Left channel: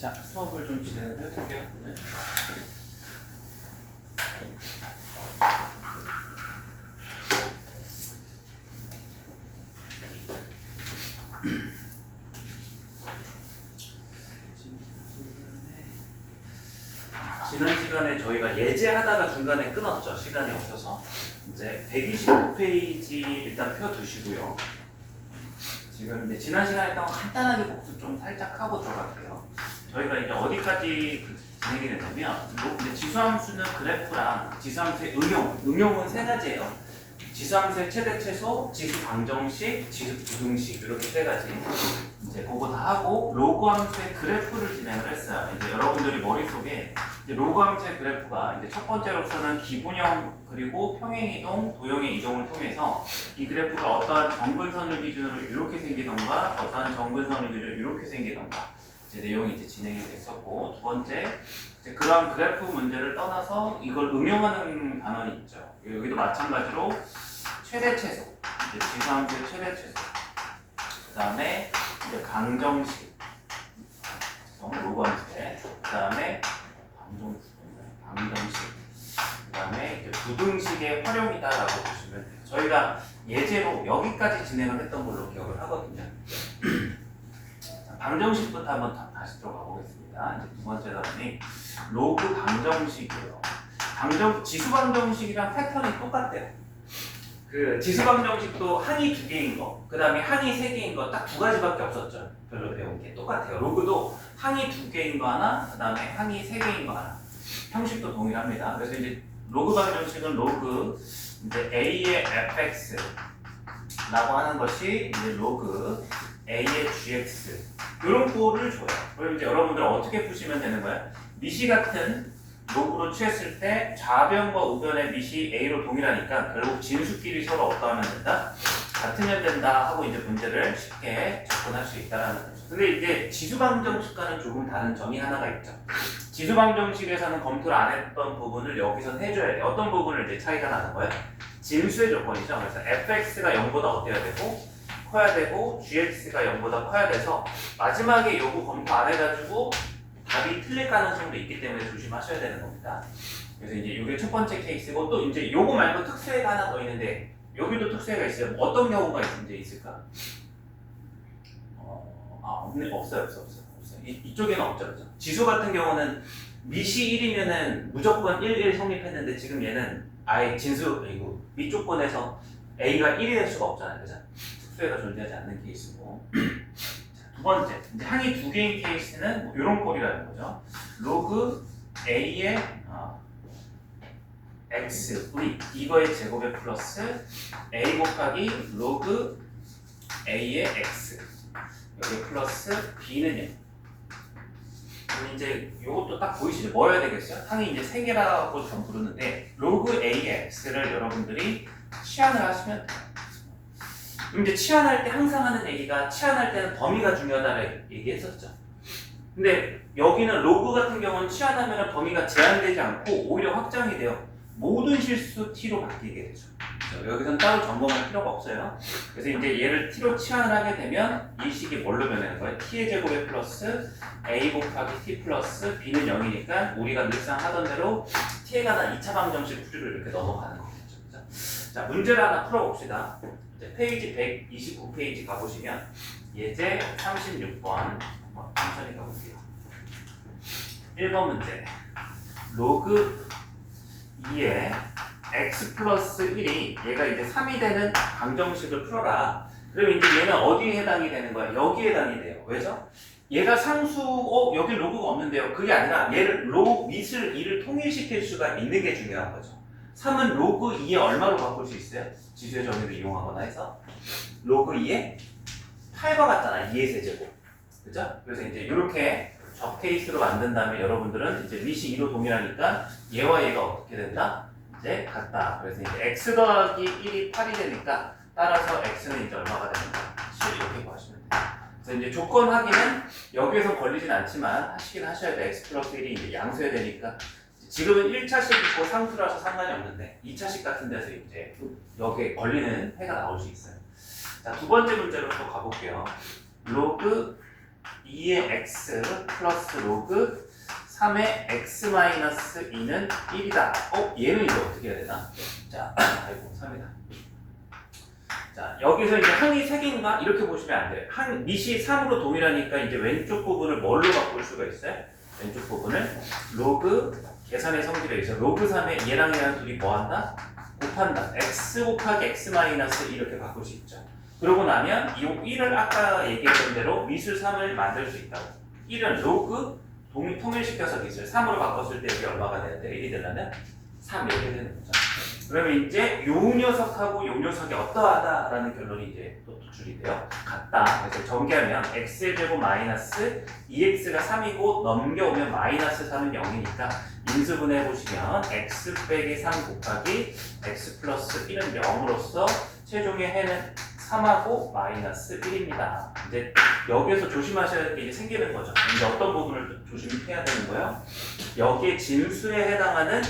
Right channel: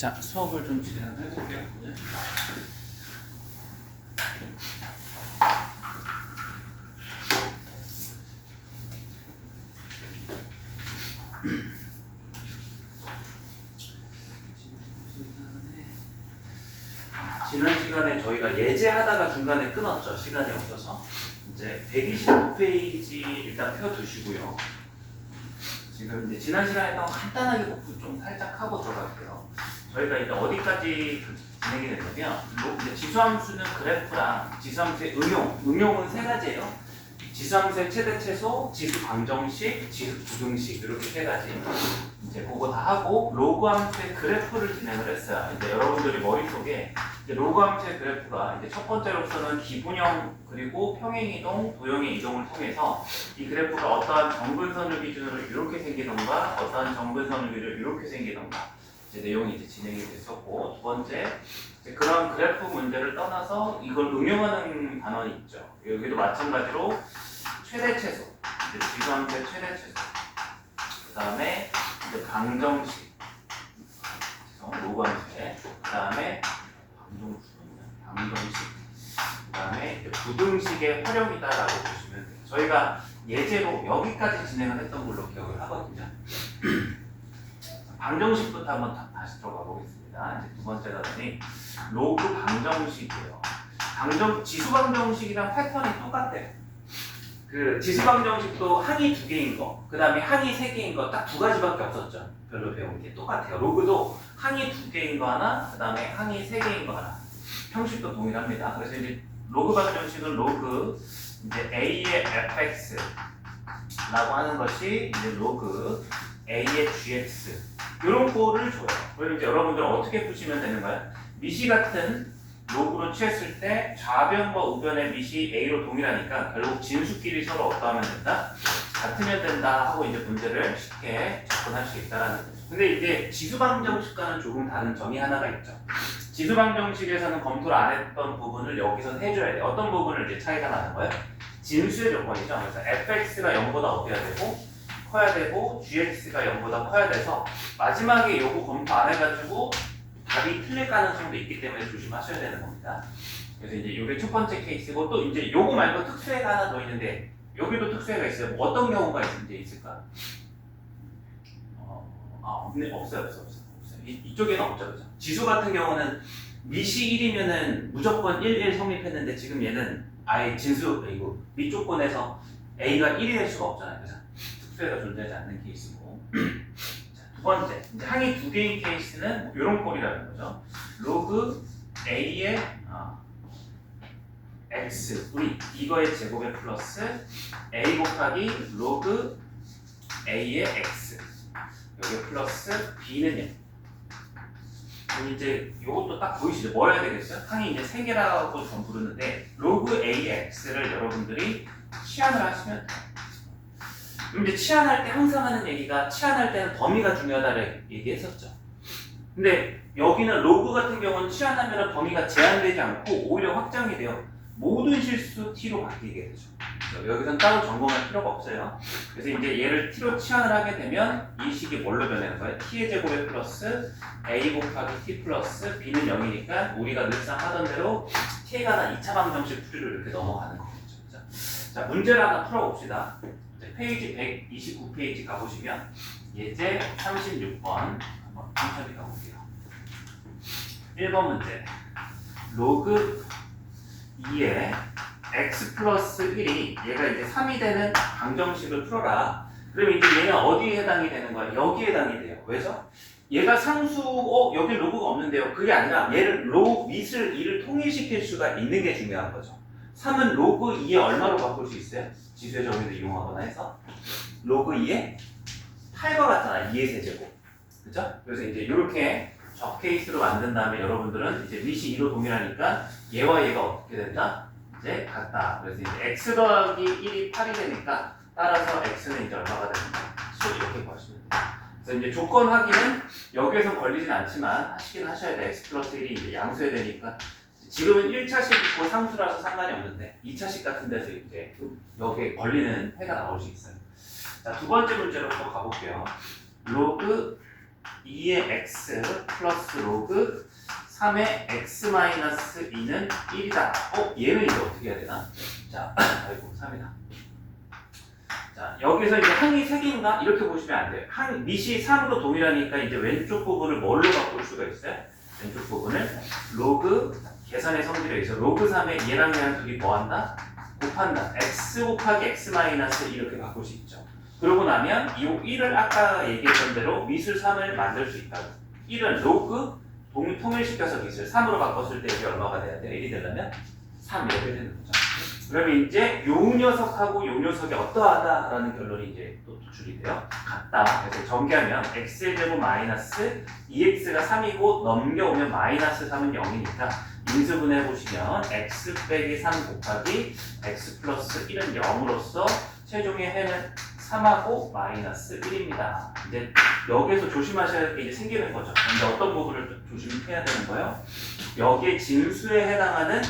자, 수업을 좀 진행을 해볼게요. 오늘. 지난 시간에 저희가 예제하다가 중간에 끊었죠. 시간이 없어서. 이제 129페이지 일단 펴두시고요. 지금 이제 지난 시간에 했던 거 간단하게 복습 좀 살짝 하고 들어갈게요. 저희가 이제 어디까지 진행이 되냐면, 이제 지수함수는 그래프랑 지수함수의 응용은 세 가지예요. 지수함수의 최대 최소, 지수 방정식, 지수 부등식 이렇게 세 가지. 이제 그거 다 하고 로그 함수의 그래프를 진행을 했어요. 이제 여러분들이 머릿속에 이제 로그 함수의 그래프가 이제 첫 번째로서는 기분형 그리고 평행 이동, 도형의 이동을 통해서 이 그래프가 어떠한 정근선을 기준으로 이렇게 생기던가 어떠한 정근선을 기준으로 이렇게 생기던가 이제 내용이 이제 진행이 됐었고, 두 번째 이제 그런 그래프 문제를 떠나서 이걸 응용하는 단원이 있죠. 여기도 마찬가지로 최대 최소, 이제 지수함수의 최대 최소, 그 다음에 이제 방정식, 로그 함수의, 그 다음에 방정식, 그 다음에 이제 부등식의 활용이다라고 보시면 돼요. 저희가 예제로 여기까지 진행을 했던 걸로 기억을 하거든요. 방정식부터 한번 다시 들어가 보겠습니다. 이제 두 번째 단원이 로그 방정식이에요. 지수 방정식이랑 패턴이 똑같대요. 그 지수 방정식도 항이 두 개인 거, 그 다음에 항이 세 개인 거 딱 두 가지밖에 없었죠. 별로 배운 게 똑같아요. 로그도 항이 두 개인 거 하나, 그 다음에 항이 세 개인 거 하나. 형식도 동일합니다. 그래서 이제 로그 방정식은 로그 이제 a의 fx라고 하는 것이 이제 로그 a의 gx 이런 거를 줘요. 그리고 이제 여러분들 어떻게 푸시면 되는 거예요? 미시 같은 로그로 취했을 때 좌변과 우변의 미시 a로 동일하니까 결국 진수끼리 서로 어떠하면 된다? 같으면 된다 하고 이제 문제를 쉽게 접근할 수 있다라는 거죠. 근데 이제 지수방정식과는 조금 다른 점이 하나가 있죠. 지수방정식에서는 검토를 안 했던 부분을 여기서 해줘야 돼요. 어떤 부분을 이제 차이가 나는 거예요? 진수의 조건이죠. 그래서 fx가 0보다 어때야 되고 커야 되고 gx가 0보다 커야 돼서 마지막에 요거 검토 안 해가지고 답이 틀릴 가능성도 있기 때문에 조심하셔야 되는 겁니다. 그래서 이제 이게 첫 번째 케이스고, 또 이제 요거 말고 특수해가 하나 더 있는데 여기도 특수해가 있어요. 뭐 어떤 경우가 이제 있을까? 없어요. 이쪽에는 없죠, 그죠? 지수 같은 경우는 미시 1이면은 무조건 1 성립했는데 지금 얘는 아예 진수 이거 밑조건에서 a가 1이 될 수가 없잖아요, 그죠? 특수해가 존재하지 않는 케이스고. 두 번째, 이제 항이 두 개인 케이스는 뭐 이런 꼴이라는 거죠. 로그 a의 x, v 이거의 제곱에 플러스 a 곱하기 로그 a의 x 여기 플러스 b는 0. 그럼 이제 이것도 딱 보이시죠? 뭐 해야 되겠어요? 항이 이제 세 개라고 좀 부르는데 로그 a의 x를 여러분들이 치환을 하시면 돼요. 그럼 이제 치환할 때 항상 하는 얘기가 치환할 때는 범위가 중요하다를 얘기했었죠. 근데 여기는 로그 같은 경우는 치환하면 범위가 제한되지 않고 오히려 확장이 돼요. 모든 실수 t로 바뀌게 되죠. 여기서는 따로 점검할 필요가 없어요. 그래서 이제 얘를 t로 치환을 하게 되면 이 식이 뭘로 변하는 거예요? t의 제곱에 플러스 a 곱하기 t 플러스 b는 0이니까 우리가 늘상 하던 대로 t에 관한 2차 방정식 풀이로 이렇게 넘어가는 거겠죠. 자, 문제를 하나 풀어봅시다. 페이지 129페이지 가보시면 예제 36번 한번 천천히 가볼게요. 1번 문제 로그 2의 x 플러스 1이 얘가 이제 3이 되는 방정식을 풀어라. 그러면 이제 얘는 어디에 해당이 되는 거야? 여기에 해당이 돼요. 왜죠? 얘가 상수, 여기 로그가 없는데요. 그게 아니라 얘를 밑을 2를 통일시킬 수가 있는 게 중요한 거죠. 3은 로그 2에 얼마로 바꿀 수 있어요? 지수의 정의를 이용하거나 해서 로그 2에 8과 같잖아. 2의 세제곱. 그죠? 그래서 이제 이렇게 적 케이스로 만든 다음에 여러분들은 이제 밑이 2로 동일하니까 얘와 얘가 어떻게 된다? 이제 같다. 그래서 이제 x 더하기 1이 8이 되니까 따라서 x는 이제 얼마가 됩니다. 이렇게 구하시면 돼요. 그래서 이제 조건 확인은 여기에서 걸리진 않지만 하시긴 하셔야 돼. x 플러스 1이 이제 양수해야 되니까 지금은 1차식 있고 상수라서 상관이 없는데 2차식 같은 데서 이제 여기에 걸리는 해가 나올 수 있어요. 자, 두 번째 문제로 또 가볼게요. 로그 2의 x 플러스 로그 3의 x 마이너스 2는 1이다. 얘는 이제 어떻게 해야 되나? 자, 아이고 3이다. 자, 여기서 이제 항이 3개인가? 이렇게 보시면 안 돼요. 밑이 3으로 동일하니까 이제 왼쪽 부분을 뭘로 바꿀 수가 있어요? 왼쪽 부분을 로그 계산의 성질에 의해서 로그 3의 얘랑 얘랑 둘이 뭐한다? 곱한다. x 곱하기 x 마이너스 이렇게 바꿀 수 있죠. 그러고 나면 이 1을 아까 얘기했던 대로 미술 3을 만들 수 있다고. 1은 로그 통일시켜서 미술 3으로 바꿨을 때 여기 얼마가 돼야 돼? 1이 되려면 3 이렇게 되는 거죠. 그러면 이제 요 녀석하고 요 녀석이 어떠하다라는 결론이 이제 또 도출이 돼요. 같다. 그래서 전개하면 x의 제곱 마이너스 2x가 3이고 넘겨오면 마이너스 3은 0이니까 인수분해 보시면 x 빼기 3 곱하기 x 플러스 1은 0으로서 최종의 해는 3하고 마이너스 1입니다. 이제 여기에서 조심하셔야 할 게 이제 생기는 거죠. 이제 어떤 부분을 조심해야 되는 거예요? 여기에 진수에 해당하는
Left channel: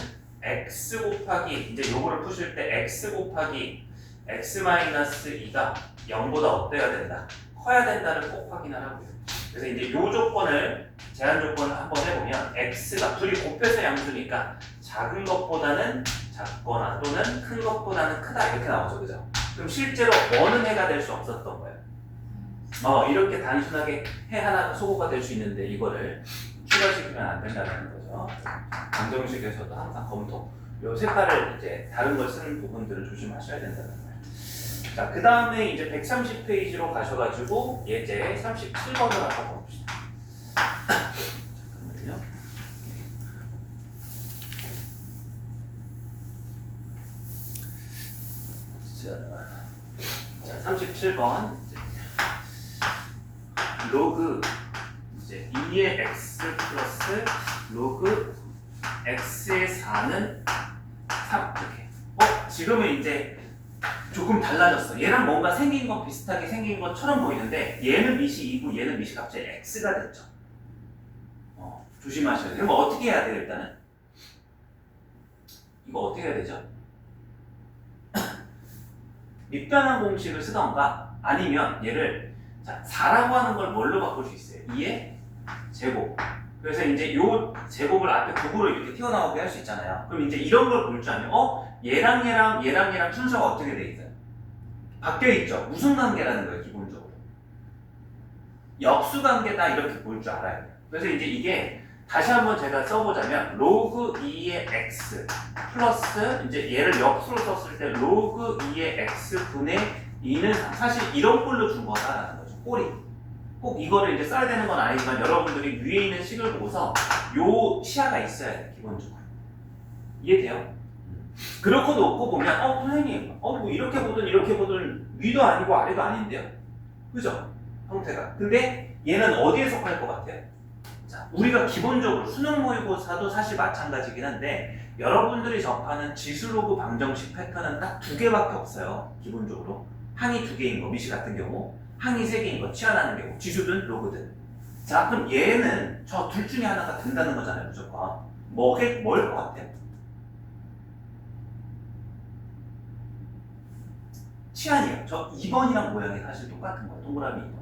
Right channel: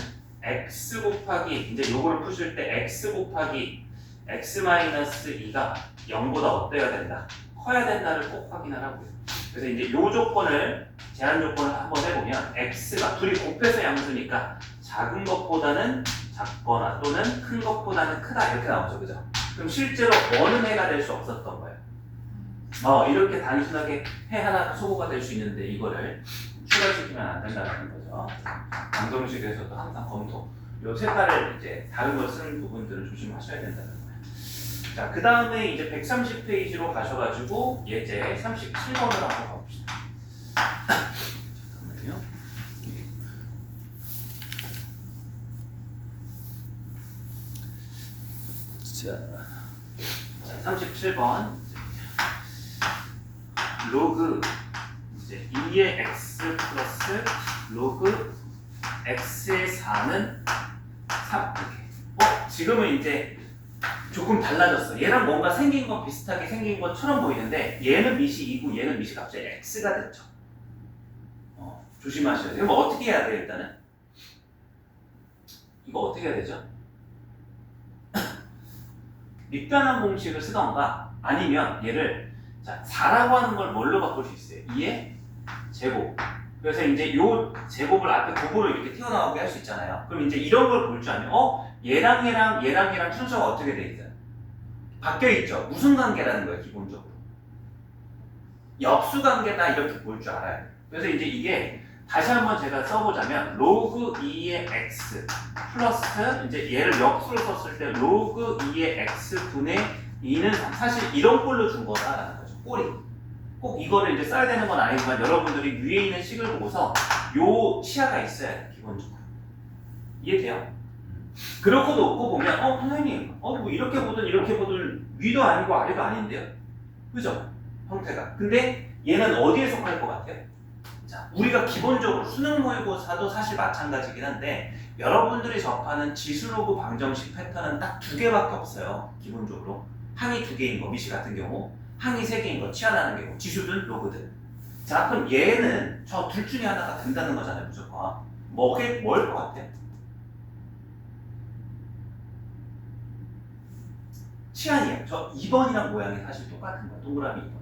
x 곱하기 이제 요거를 푸실 때 x 곱하기 x 마이너스 2가 0보다 어때야 된다? 커야 된다를 꼭 확인하라고요. 그래서 이제 요 조건을 제한 조건을 한번 해보면 x가 둘이 곱해서 양수니까 작은 것보다는 작거나 또는 큰 것보다는 크다 이렇게 나오죠, 그죠? 그럼 실제로 어느 해가 될 수 없었던 거예요. 이렇게 단순하게 해 하나가 소거가 될 수 있는데 이거를 추가시키면 안 된다는 거죠. 방정식에서도 항상 검토. 요 색깔을 이제 다른 걸 쓰는 부분들을 조심하셔야 된다는 거예요. 자, 그 다음에 이제 130페이지로 가셔가지고 예제 37번을 한번 가봅시다. 잠깐만요. 자, 37번 로그 이제 2의 x 플러스 로그 x의 4는 3 이렇게. 지금은 이제 조금 달라졌어. 얘랑 뭔가 생긴 건 비슷하게 생긴 것처럼 보이는데 얘는 밑이 2고 얘는 밑이 갑자기 x가 됐죠. 조심하셔야 돼요. 그럼 어떻게 해야 돼요 일단은? 이거 어떻게 해야 되죠? 밑변환 공식을 쓰던가 아니면 얘를 자 4라고 하는 걸 뭘로 바꿀 수 있어요? 2의 제곱. 그래서 이제 요 제곱을 앞에 곱으로 이렇게 튀어나오게 할 수 있잖아요. 그럼 이제 이런 걸 볼 줄 알면 얘랑 순서가 어떻게 돼 있어요? 바뀌어 있죠. 무슨 관계라는 거예요 기본적으로? 역수 관계다 이렇게 볼 줄 알아요. 그래서 이제 이게 다시 한번 제가 써보자면 로그 2의 x 플러스 이제 얘를 역수로 썼을 때 로그 2의 x 분의 2는 사실 이런 꼴로 준 거다라는 거죠. 꼴이. 꼭 이거를 이제 써야 되는 건 아니지만 여러분들이 위에 있는 식을 보고서 요 치아가 있어야 돼요 기본적으로. 이해돼요? 그렇고 놓고 보면 선생님 뭐 이렇게 보든 위도 아니고 아래도 아닌데요? 그죠? 형태가. 근데 얘는 어디에 속할 것 같아요? 자, 우리가 기본적으로 수능 모의고사도 사실 마찬가지긴 한데 여러분들이 접하는 지수로그 방정식 패턴은 딱 2개밖에 없어요. 기본적으로 항이 2개인 거, 미시 같은 경우 항이 3개인 거, 치환하는 경우, 지수든 로그든. 자, 그럼 얘는 저 둘 중에 하나가 된다는 거잖아요, 무조건. 뭐일 것 같아요? 치환이에요. 저 2번이랑 모양이 사실 똑같은 거예요. 동그라미 2번이랑.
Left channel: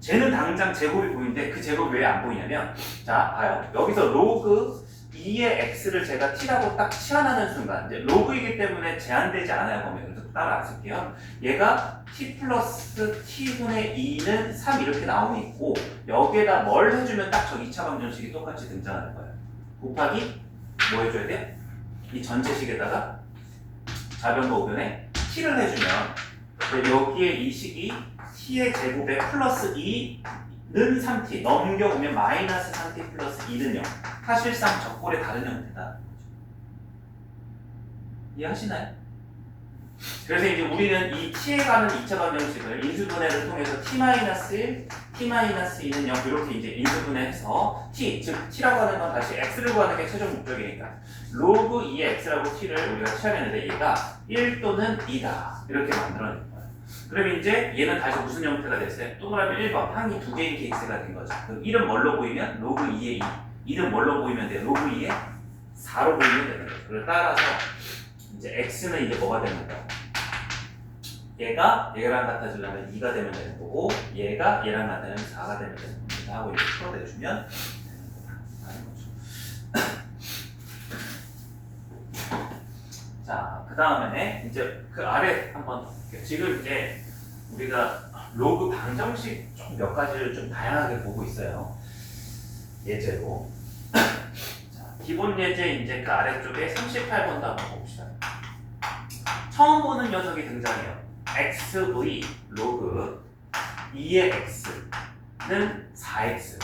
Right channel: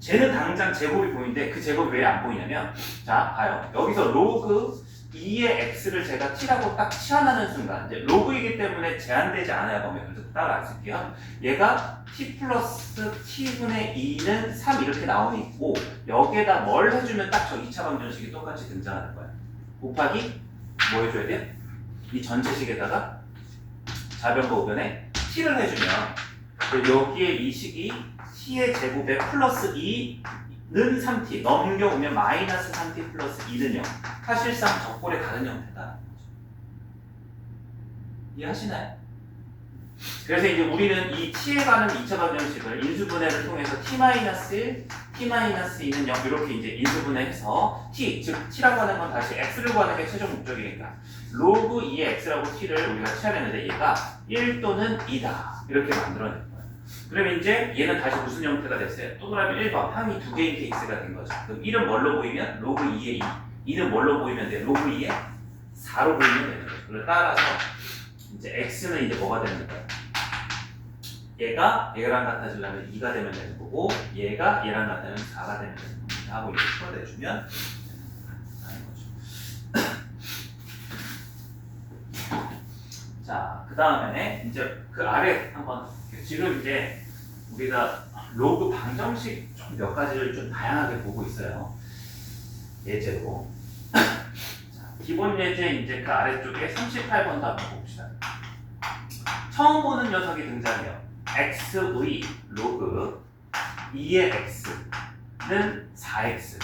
쟤는 당장 제곱이 보이는데 그 제곱이 왜 안 보이냐면 자, 봐요. 여기서 로그 2의 x를 제가 t라고 딱 치환하는 순간 이제 로그이기 때문에 제한되지 않아요. 보면 그래서 따라 안 쓸게요. 얘가 t 플러스 t분의 2는 3 이렇게 나오면 있고 여기에다 뭘 해주면 딱 저 2차 방정식이 똑같이 등장하는 거예요. 곱하기 뭐 해줘야 돼요? 이 전체식에다가 좌변과 우변에 t를 해주면 여기에 이 식이 t의 제곱에 플러스 2는 3t 넘겨오면 마이너스 3t 플러스 2는 0. 사실상 적골의 다른 형태다. 이해하시나요? 그래서 이제 우리는 이 t에 가는 2차 방정식을 인수분해를 통해서 t-1, t-2는 0 이렇게 이제 인수분해해서 t, 즉 t라고 하는 건 다시 x를 구하는 게 최종 목적이니까 로그 2의 x라고 t를 우리가 취하는데 얘가 1 또는 2다 이렇게 만들어낸 거예요. 그럼 이제 얘는 다시 무슨 형태가 됐어요? 동그라미 1번 항이 2개인 케이스가 된 거죠. 그럼 1은 뭘로 보이면 로그 2의 2, 2는 뭘로 보이면 돼? 로그 2의 4로 보이면 되는 거죠. 그래서 따라서 이제 x는 이제 뭐가 되는 거예요? 얘가 얘랑 같아지려면 2가 되면 되는 거고 얘가 얘랑 같아지면 4가 되면 되는 겁니다 하고 이렇게 풀어내주면 되는 거죠. 자, 그 다음에 이제 그 아래 한번 볼게요. 지금 이제 우리가 로그 방정식 좀 몇 가지를 좀 다양하게 보고 있어요. 예제로. 자, 기본 예제 이제 그 아래쪽에 38번도 한번 봅시다. 처음 보는 녀석이 등장해요. x의 로그 2의 x는 4x.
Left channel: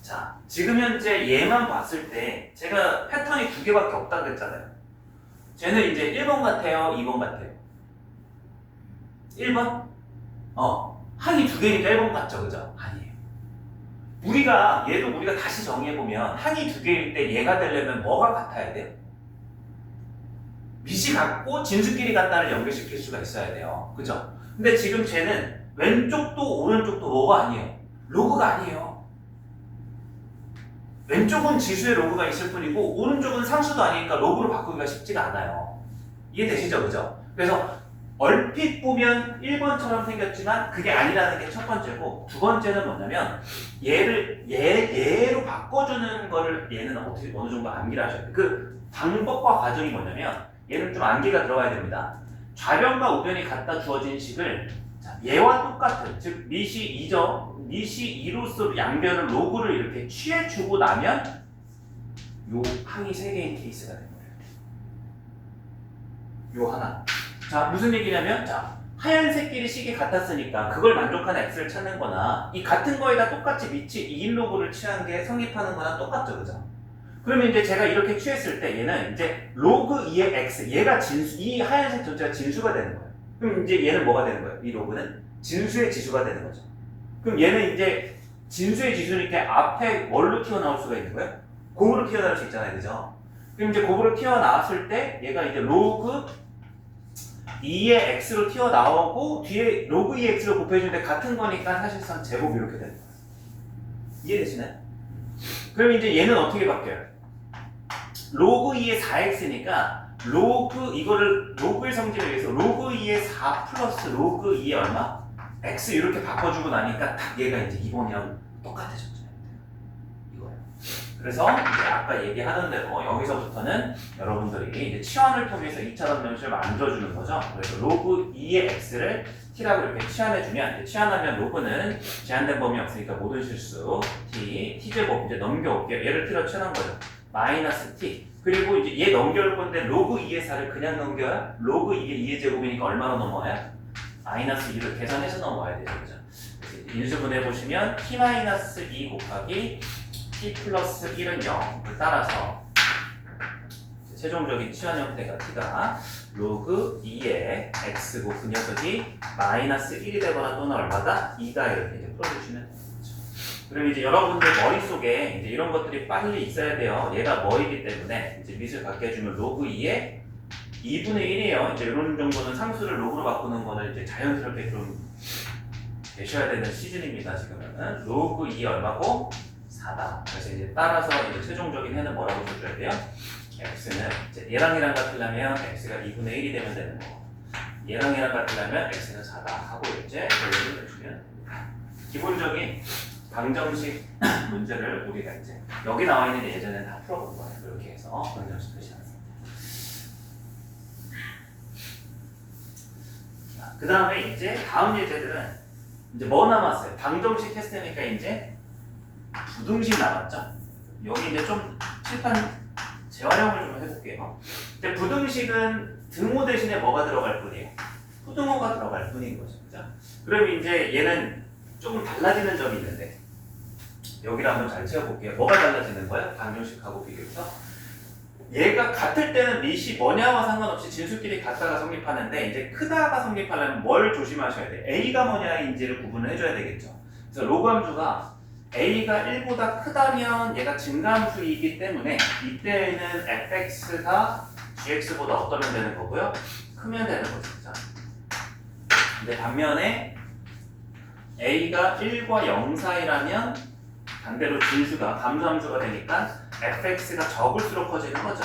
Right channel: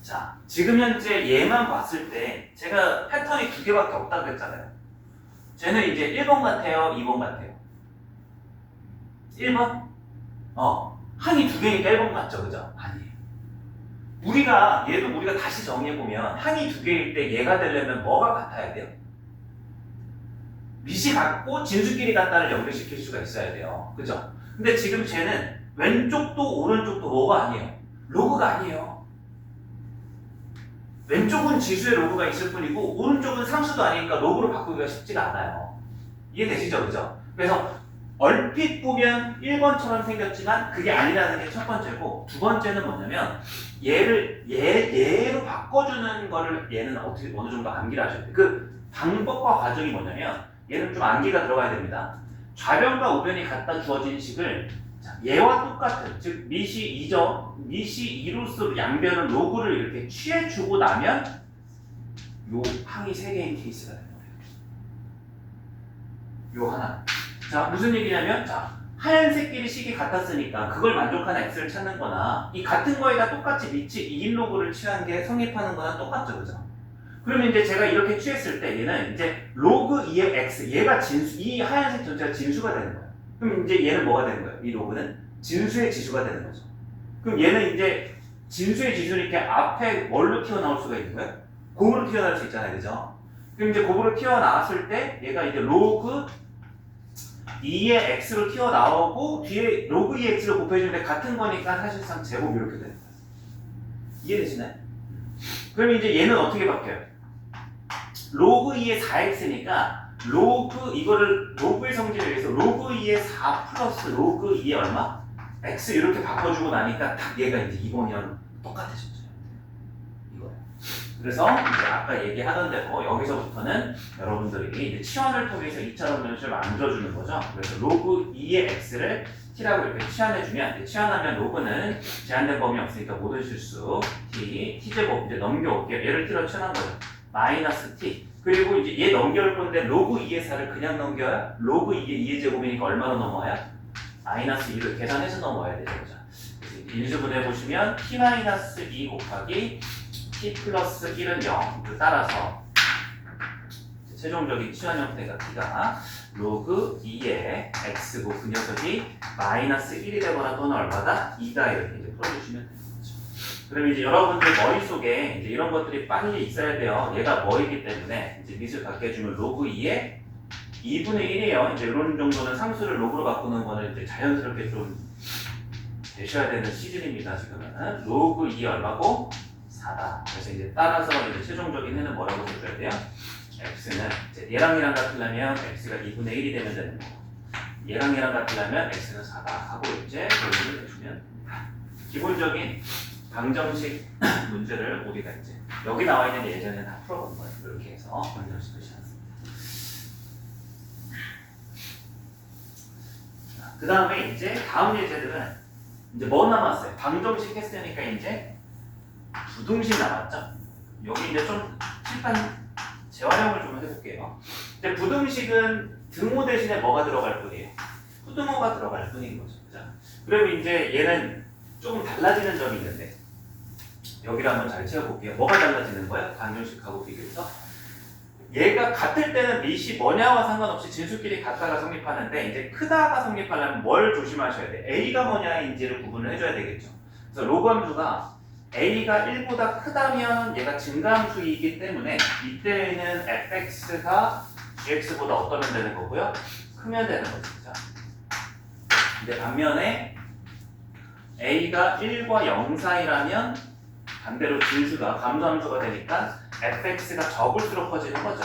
자, 지금 현재 얘만 봤을 때 제가 패턴이 두 개밖에 없다 그랬잖아요. 쟤는 이제 1번 같아요, 2번 같아요. 1번? 항이 두 개니까 1번 같죠, 그죠? 아니에요. 얘도 우리가 다시 정리해보면 항이 두 개일 때 얘가 되려면 뭐가 같아야 돼요? 밑이 같고 진수끼리 같다를 연결시킬 수가 있어야 돼요. 그죠? 근데 지금 쟤는 왼쪽도 오른쪽도 뭐가 아니에요? 로그가 아니에요. 왼쪽은 지수의 로그가 있을 뿐이고 오른쪽은 상수도 아니니까 로그로 바꾸기가 쉽지가 않아요. 이해되시죠? 그죠? 그래서 얼핏 보면 1번처럼 생겼지만 그게 아니라는 게 첫 번째고 두 번째는 뭐냐면 얘로 바꿔주는 거를 얘는 어떻게 어느 정도 암기를 하셔야 돼요. 그 방법과 과정이 뭐냐면 얘는 좀 암기가 들어가야 됩니다. 좌변과 우변이 갖다 주어진 식을 얘와 똑같은 즉 밑이 2죠. 밑이 2로서 양변을 로그를 이렇게 취해주고 나면 요 항이 3개인 케이스가 되는 거예요. 요 하나. 자, 무슨 얘기냐면 하얀색끼리 식이 같았으니까 그걸 만족하는 x를 찾는 거나 이 같은 거에다 똑같이 밑이 2인 로그를 취한 게 성립하는 거나 똑같죠. 그죠? 그러면 이제 제가 이렇게 취했을 때 얘는 이제 로그 2의 x 얘가 진수, 이 하얀색 전체가 진수가 되는 거예요. 그럼 이제 얘는 뭐가 되는 거예요? 이 로그는 진수의 지수가 되는 거죠. 그럼 얘는 이제 진수의 지수니까 앞에 뭘로 튀어나올 수가 있는 거예요? 곱으로 튀어나올 수 있잖아요. 그죠? 그럼 이제 곱으로 튀어나왔을 때 얘가 이제 로그 2의 x로 튀어나오고 뒤에 로그 2의 x로 곱해주는데 같은 거니까 사실상 제곱 이렇게 되는 거예요. 이해되시나요? 그럼 이제 얘는 어떻게 바뀌어요? 로그 2의 4x니까 이거를 로그의 성질에 의해서 로그 2의 4 플러스 로그 2의 얼마? x 이렇게 바꿔주고 나니까 딱 얘가 이제 2번이랑 똑같아졌죠. 이거예요. 그래서 이제 아까 얘기하는 대로 여기서부터는 여러분들이 이제 치환을 통해서 2차원 변식을 만들어주는 거죠. 그래서 로그 2의 x를 t라고 이렇게 치환해주면 치환하면 로그는 제한된 범위 없으니까 모든 실수 t제곱 이제 넘겨올게요. 얘를 t로 치환한 거죠. 마이너스 t 그리고 이제 얘 넘겨올 건데 로그 2의 4를 그냥 넘겨요? 로그 2의 2의 제곱이니까 얼마로 넘어와요? 마이너스 2를 계산해서 넘어와야 되죠. 그죠? 인수분해 보시면 t-2 곱하기 t 플러스 1은 0을 따라서 최종적인 치환 형태가 t가 로그 2의 x고 그 녀석이 마이너스 1이 되거나 또는 얼마다? 2다 이렇게 이제 풀어주시면 됩니다. 그럼 이제 여러분들 머릿속에 이제 이런 것들이 빨리 있어야 돼요. 얘가 뭐이기 때문에 이제 밑을 갖게 해주면 로그 2의 2분의 1이에요. 이제 이런 정도는 상수를 로그로 바꾸는 거는 이제 자연스럽게 좀 되셔야 되는 시즌입니다. 지금은 로그 2 얼마고? 4다. 그래서 이제 따라서 이제 최종적인 해는 뭐라고 써줘야 돼요? x는 이제 얘랑 같으려면 x가 2분의 1이 되면 되는 거고 얘랑 같으려면 x는 4다 하고 이제 결론을 내주면 됩니다. 기본적인 방정식 문제를 우리가 이제 여기 나와 있는 예제는 다 풀어본 거예요. 이렇게 해서 방정식 표시하겠습니다. 그 다음에 이제 다음 예제들은 이제 뭐 남았어요? 방정식 했으니까 이제 부등식 남았죠? 여기 이제 좀 칠판 재활용을 좀 해볼게요. 이제 부등식은 등호 대신에 뭐가 들어갈 뿐이에요? 후등호가 들어갈 뿐인 거죠. 그죠? 그럼 이제 얘는 조금 달라지는 점이 있는데 여기를 한번 잘 채워볼게요. 뭐가 달라지는 거예요? 방정식하고 비교해서 얘가 같을 때는 밑이 뭐냐와 상관없이 진수끼리 같다가 성립하는데 이제 크다가 성립하려면 뭘 조심하셔야 돼? A가 뭐냐인지를 구분을 해줘야 되겠죠. 그래서 로그 함수가 A가 1보다 크다면 얘가 증가함수이기 때문에 이때에는 fx가 gx보다 어떠면 되는 거고요? 크면 되는 거죠. 그죠? 근데 반면에 A가 1과 0 사이라면 반대로 진수가 감소함수가 되니까 fx가 적을수록 커지는 거죠.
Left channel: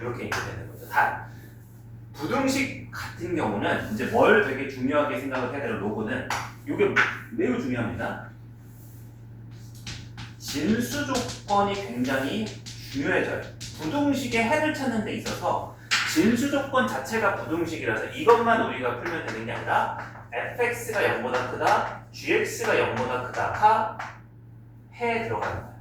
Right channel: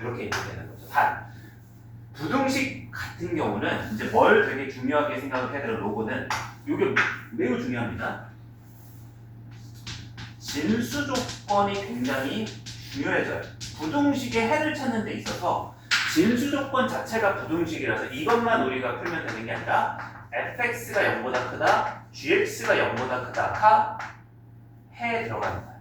이렇게 이제 되는 거죠. 단 부등식 같은 경우는 이제 뭘 되게 중요하게 생각을 해야 되는 로그는 이게 매우 중요합니다. 진수 조건이 굉장히 중요해져요. 부등식의 해를 찾는 데 있어서 진수 조건 자체가 부등식이라서 이것만 우리가 풀면 되는 게 아니라 fx가 0보다 크다, gx가 0보다 크다 다 해에 들어가는 거예요.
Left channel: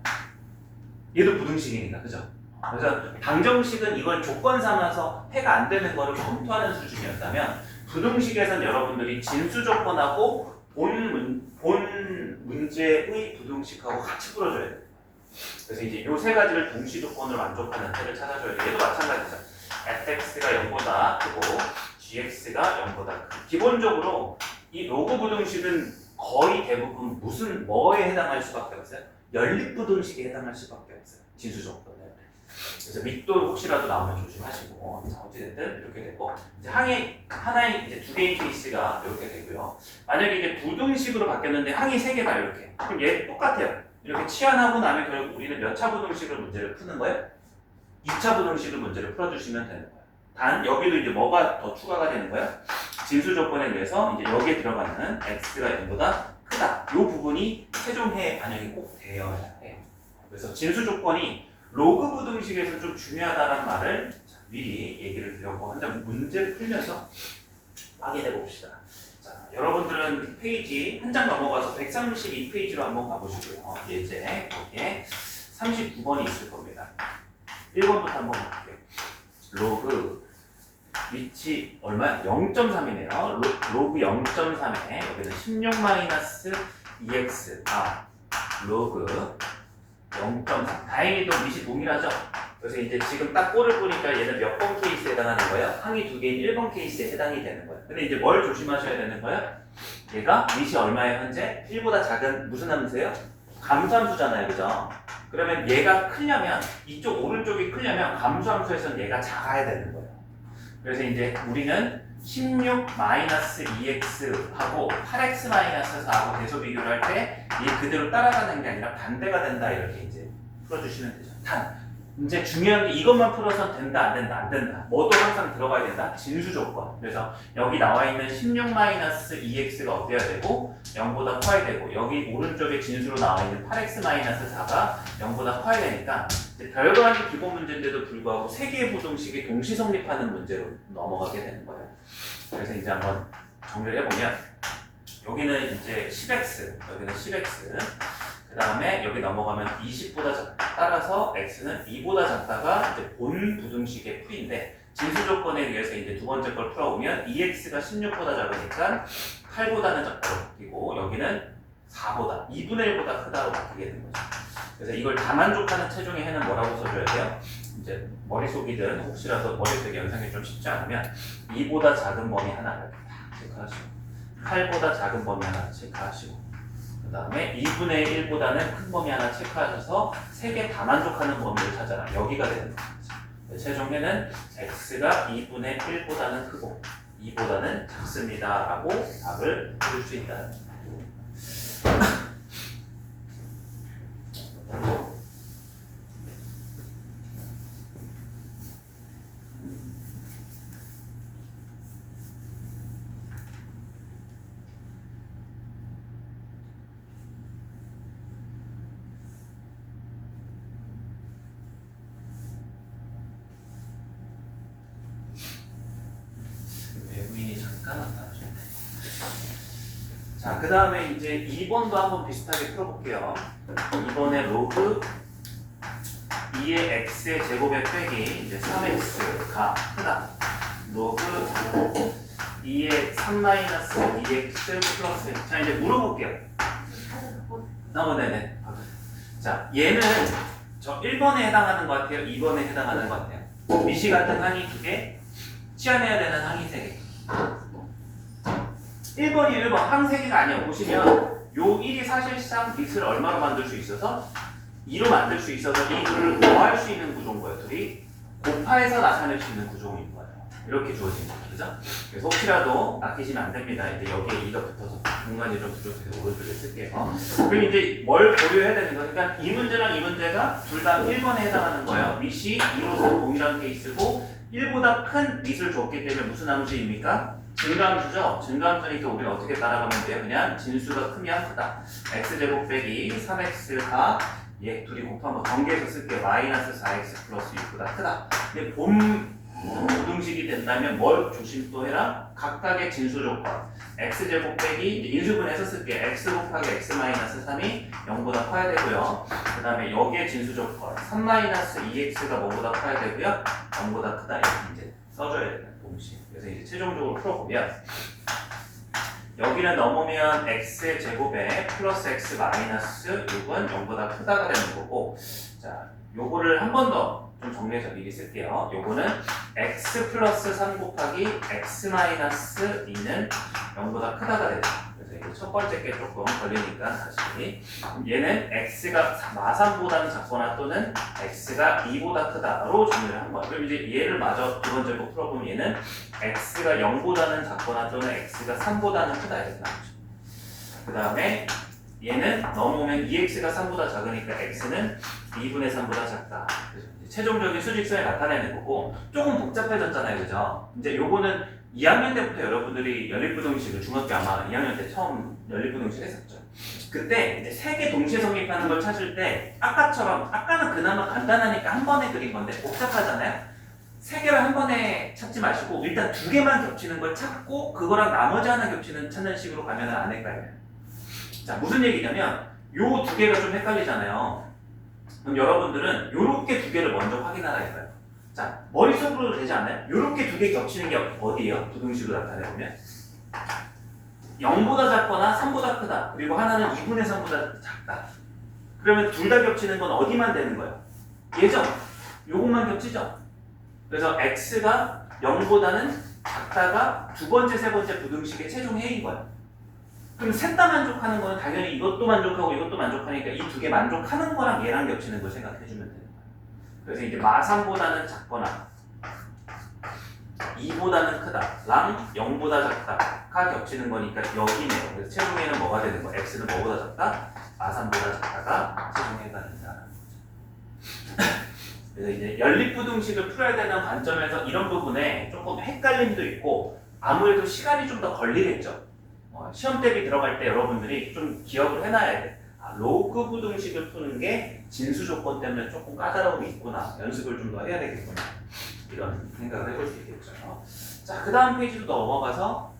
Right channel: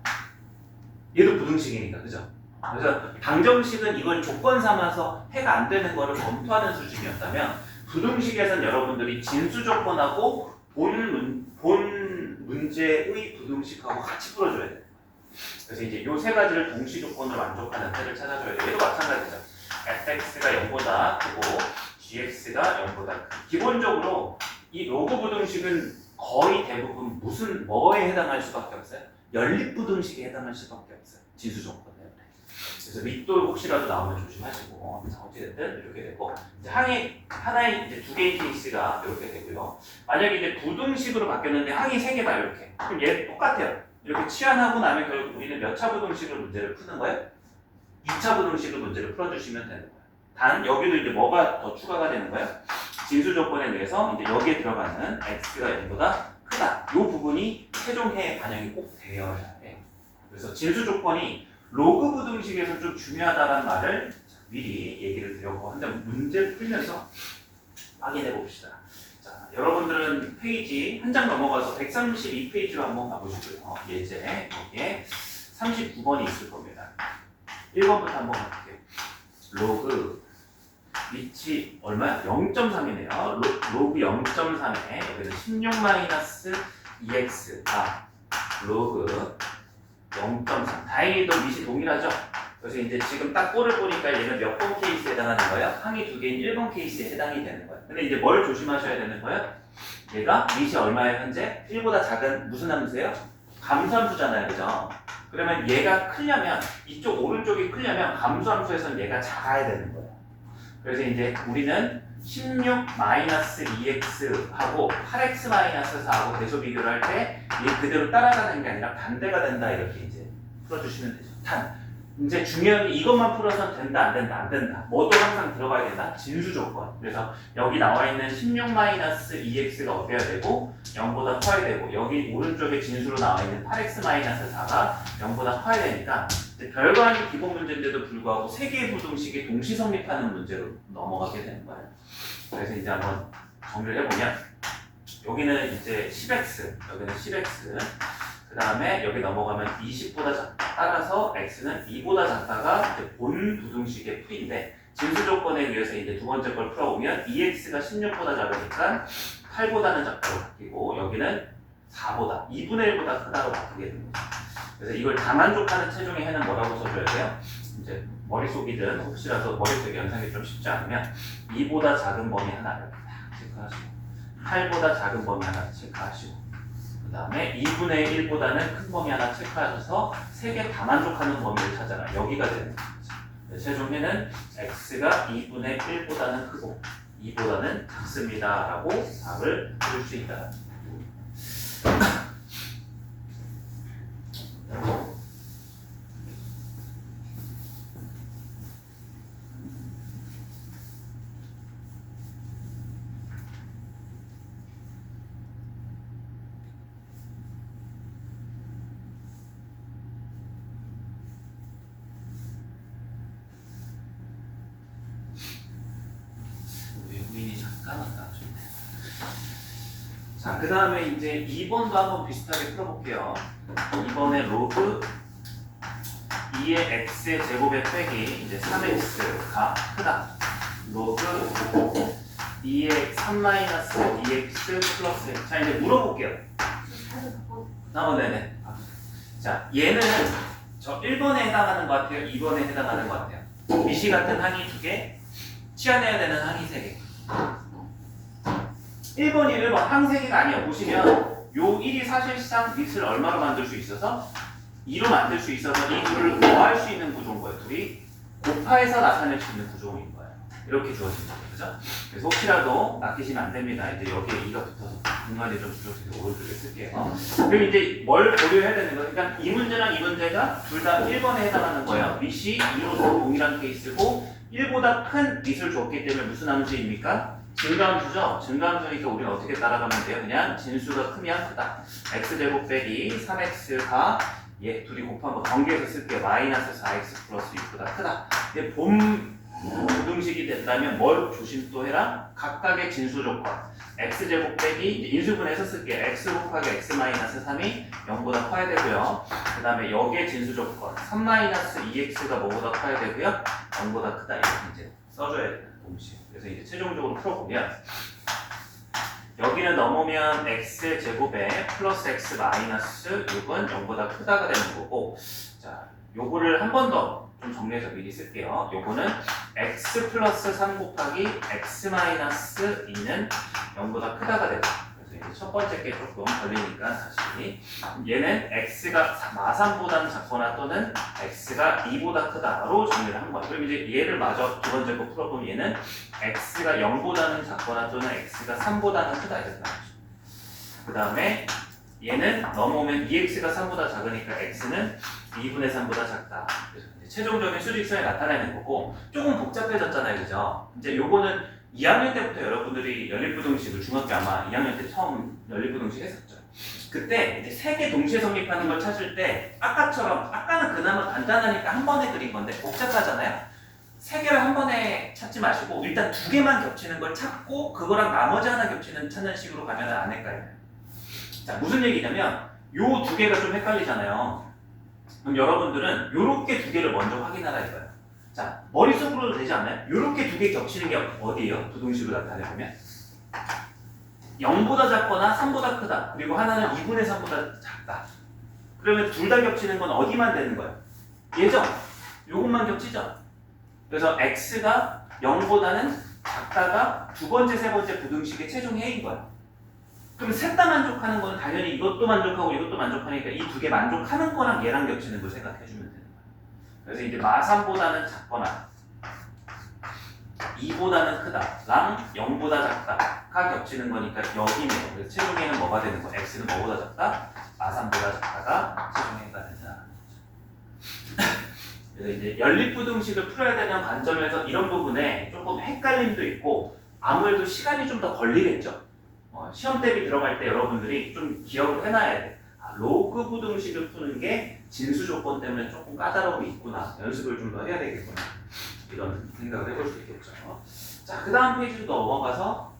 얘도 부등식이니까, 그죠? 그래서 방정식은 이걸 조건 삼아서 해가 안 되는 거를 검토하는 수준이었다면 부등식에서는 여러분들이 진수 조건하고 본 문제의 부등식하고 같이 풀어줘야 돼요. 그래서 이제 이 세 가지를 동시 조건으로 만족하는 해를 찾아줘야 돼요. 얘도 마찬가지죠. fx가 0보다 크고 gx가 0보다 크고 기본적으로 이 로그 부등식은 거의 대부분 뭐에 해당할 수밖에 없어요? 연립부등식에 해당할 수밖에 없어요. 진수 조건 때문에. 그래서 밑도 혹시라도 나오면 조심하시고 어찌됐든 이렇게 되고 이제 하나의 이제 두 개의 케이스가 이렇게 되고요. 만약에 이제 부등식으로 바뀌었는데 항이 세 개다 이렇게. 그럼 얘 똑같아요. 이렇게 치환하고 나면 결국 우리는 몇 차 부등식으로 문제를 푸는 거예요? 2차 부등식으로 문제를 풀어주시면 되는 거예요. 단 여기도 이제 뭐가 더 추가가 되는 거예요? 진수 조건에 의해서 이제 여기에 들어가는 x가 0보다 크다. 이 부분이 최종 해에 반영이 꼭 되어야 해요. 그래서 진수 조건이 로그 부등식에서 좀 중요하다는 말을 미리 얘기를 드렸고 한번 문제를 풀면서 확인해 봅시다. 자, 여러분들은 페이지 한 장 넘어가서 132페이지로 한번 가보시고요. 예제 여기에 39번이 있을 겁니다. 1번부터 한번 가볼게요. 로그 위치 얼마야? 0.3이네요. 로그 0.3에 여기는 16-2x 로그 0.3. 다행히도 밑이 동일하죠? 그래서 이제 지금 딱 꼴을 보니까 얘는 몇 번 케이스에 해당하는 거예요? 항이 두 개인 1번 케이스에 해당이 되는 거예요. 근데 이제 뭘 조심하셔야 되는 거예요? 얘가 밑이 얼마예요 현재? 1보다 작은 무슨 함수예요? 감수함수잖아요, 그죠? 그러면 얘가 크려면 이쪽 오른쪽이 크려면 감수함수에서는 얘가 작아야 되는 거예요. 그래서 이제 우리는 16-2x하고 8x-4하고 대소 비교를 할 때 얘 그대로 따라가는 게 아니라 반대가 된다 이렇게 이제 풀어주시면 되죠. 단 이제 중요한 게 이것만 풀어서는 된다 안 된다 안 된다. 뭐도 항상 들어가야 된다. 진수 조건. 그래서 여기 나와 있는 16-2x가 어때야 되고 0보다 커야 되고 여기 오른쪽에 진수로 나와 있는 8x-4가 0보다 커야 되니까 별거 아닌 기본 문제인데도 불구하고 세 개의 부등식이 동시 성립하는 문제로 넘어가게 되는 거예요. 그래서 이제 한번 정리를 해보면 여기는 이제 10x, 여기는 10x, 그 다음에 여기 넘어가면 20보다 작다. 따라서 x는 2보다 작다가 이제 본 부등식의 풀인데 진수 조건에 의해서 이제 두 번째 걸 풀어보면 2x가 16보다 작으니까 8보다는 작다로 바뀌고 여기는 4보다, 2분의 1보다 크다로 바뀌게 된 거죠. 그래서 이걸 다 만족하는 최종의 해는 뭐라고 써줘야 돼요? 이제 머릿속이든 혹시라도 머릿속에 연상이 좀 쉽지 않으면 2보다 작은 범위 하나를 딱 체크하시고 8보다 작은 범위 하나 체크하시고 그 다음에 2분의 1보다는 큰 범위 하나 체크하셔서 세 개 다 만족하는 범위를 찾아라. 여기가 되는 거죠. 최종에는 x가 2분의 1보다는 크고 2보다는 작습니다 라고 답을 해줄 수 있다. 외국인이 잠깐 왔다. 자, 그 다음에 이제 2번도 한번 비슷하게 풀어볼게요. 이번에 로그 2의 x의 제곱에 빼기 이제 3x가 크다. 로그 2의 3-2x 플러스 자, 이제 물어볼게요. 네네. 자, 얘는 저 1번에 해당하는 것 같아요? 2번에 해당하는 것 같아요? 미시 같은 항이 2개, 치환해야 되는 항이 3개. 1번이 1번, 항 3개가 아니에요. 보시면 요 1이 사실상 밑을 얼마로 만들 수 있어서 2로 만들 수 있어서 이 둘을 더할 수 있는 구조인 거예요. 둘이 곱하해서 나타낼 수 있는 구조인 거예요. 이렇게 주어진 거죠. 그죠? 그래서 혹시라도 아끼시면 안 됩니다. 이제 여기에 2가 붙어서 공간이 좀 줄여서 오른쪽에 쓸게요. 그리고 이제 뭘 고려해야 되는 거예요? 그러니까 이 문제랑 이 문제가 둘 다 1번에 해당하는 거예요. 밑이 2로서 동일한 케이스고 1보다 큰 밑을 줬기 때문에 무슨 함수입니까? 증가함수죠. 증가함수니까 우리는 어떻게 따라가면 돼요? 그냥 진수가 크면 크다. x제곱 빼기 3x가 얘 둘이 곱한 거 전개해서 쓸게. 마이너스 4x 플러스 6보다 크다. 근데 본 부등식이 된다면 뭘 조심 또 해라? 각각의 진수 조건. x제곱 빼기 인수분해서 쓸게. x 곱하기 x 마이너스 3이 0보다 커야 되고요. 그 다음에 여기에 진수 조건 3 마이너스 2x가 뭐보다 커야 되고요. 0보다 크다. 이렇게 이제 써줘야 되는 공식. 그래서 이제 최종적으로 풀어보면 여기는 넘으면 x의 제곱에 플러스 x 마이너스 6은 0보다 크다가 되는 거고, 자 요거를 한 번 더 좀 정리해서 미리 쓸게요. 요거는 x 플러스 3 곱하기 x 마이너스 2는 0보다 크다가 된다. 그래서 이제 첫 번째 게 조금 걸리니까 다시 얘는 x가 마3보다는 작거나 또는 x가 2보다 크다로 정리를 한 거야. 그럼 이제 얘를 마저 두 번째 거 풀어보면 얘는 x가 0보다는 작거나 또는 x가 3보다는 크다 이렇게 나오죠. 그 다음에 얘는 넘어오면 2x가 3보다 작으니까 x는 2분의 3보다 작다. 그래서 최종적인 수직선에 나타내는 거고, 조금 복잡해졌잖아요, 그죠? 이제 요거는 2학년 때부터 여러분들이 연립부등식을 중학교 아마 2학년 때 처음 연립부등식 했었죠. 그때 이제 세 개 동시에 성립하는 걸 찾을 때 아까처럼, 아까는 그나마 간단하니까 한 번에 그린 건데 복잡하잖아요. 세 개를 한 번에 찾지 마시고 일단 두 개만 겹치는 걸 찾고 그거랑 나머지 하나 겹치는 찾는 식으로 가면 안 헷갈려요. 자, 무슨 얘기냐면 요 두 개가 좀 헷갈리잖아요. 그럼 여러분들은 요렇게 두 개를 먼저 확인하라 했어요. 자, 머릿속으로도 되지 않나요? 요렇게 두 개 겹치는 게 어디예요? 부등식으로 나타내보면 0보다 작거나 3보다 크다. 그리고 하나는 2분의 3보다 작다. 그러면 둘 다 겹치는 건 어디만 되는 거예요? 얘죠? 요것만 겹치죠? 그래서 x가 0보다는 작다가 두 번째, 세 번째 부등식의 최종 해인 거예요. 그럼 셋 다 만족하는 거는 당연히 이것도 만족하고 이것도 만족하니까 이 두 개 만족하는 거랑 얘랑 겹치는 걸 생각해 주면 되는 거예요. 그래서 이제 마3보다는 작거나 2보다는 크다랑 0보다 작다가 겹치는 거니까 여기네요. 그래서 최종에는 뭐가 되는 거예요? x는 뭐보다 작다? 마3보다 작다가 최종해가 된다. 그래서 이제 연립부등식을 풀어야 되는 관점에서 이런 부분에 조금 헷갈림도 있고 아무래도 시간이 좀 더 걸리겠죠. 시험 대비 들어갈 때 여러분들이 좀 기억을 해놔야 돼. 로그 부등식을 푸는 게 진수 조건 때문에 조금 까다로움이 있구나. 연습을 좀 더 해야 되겠구나. 이런 생각을 해볼 수 있겠죠. 자, 그 다음 페이지로 넘어가서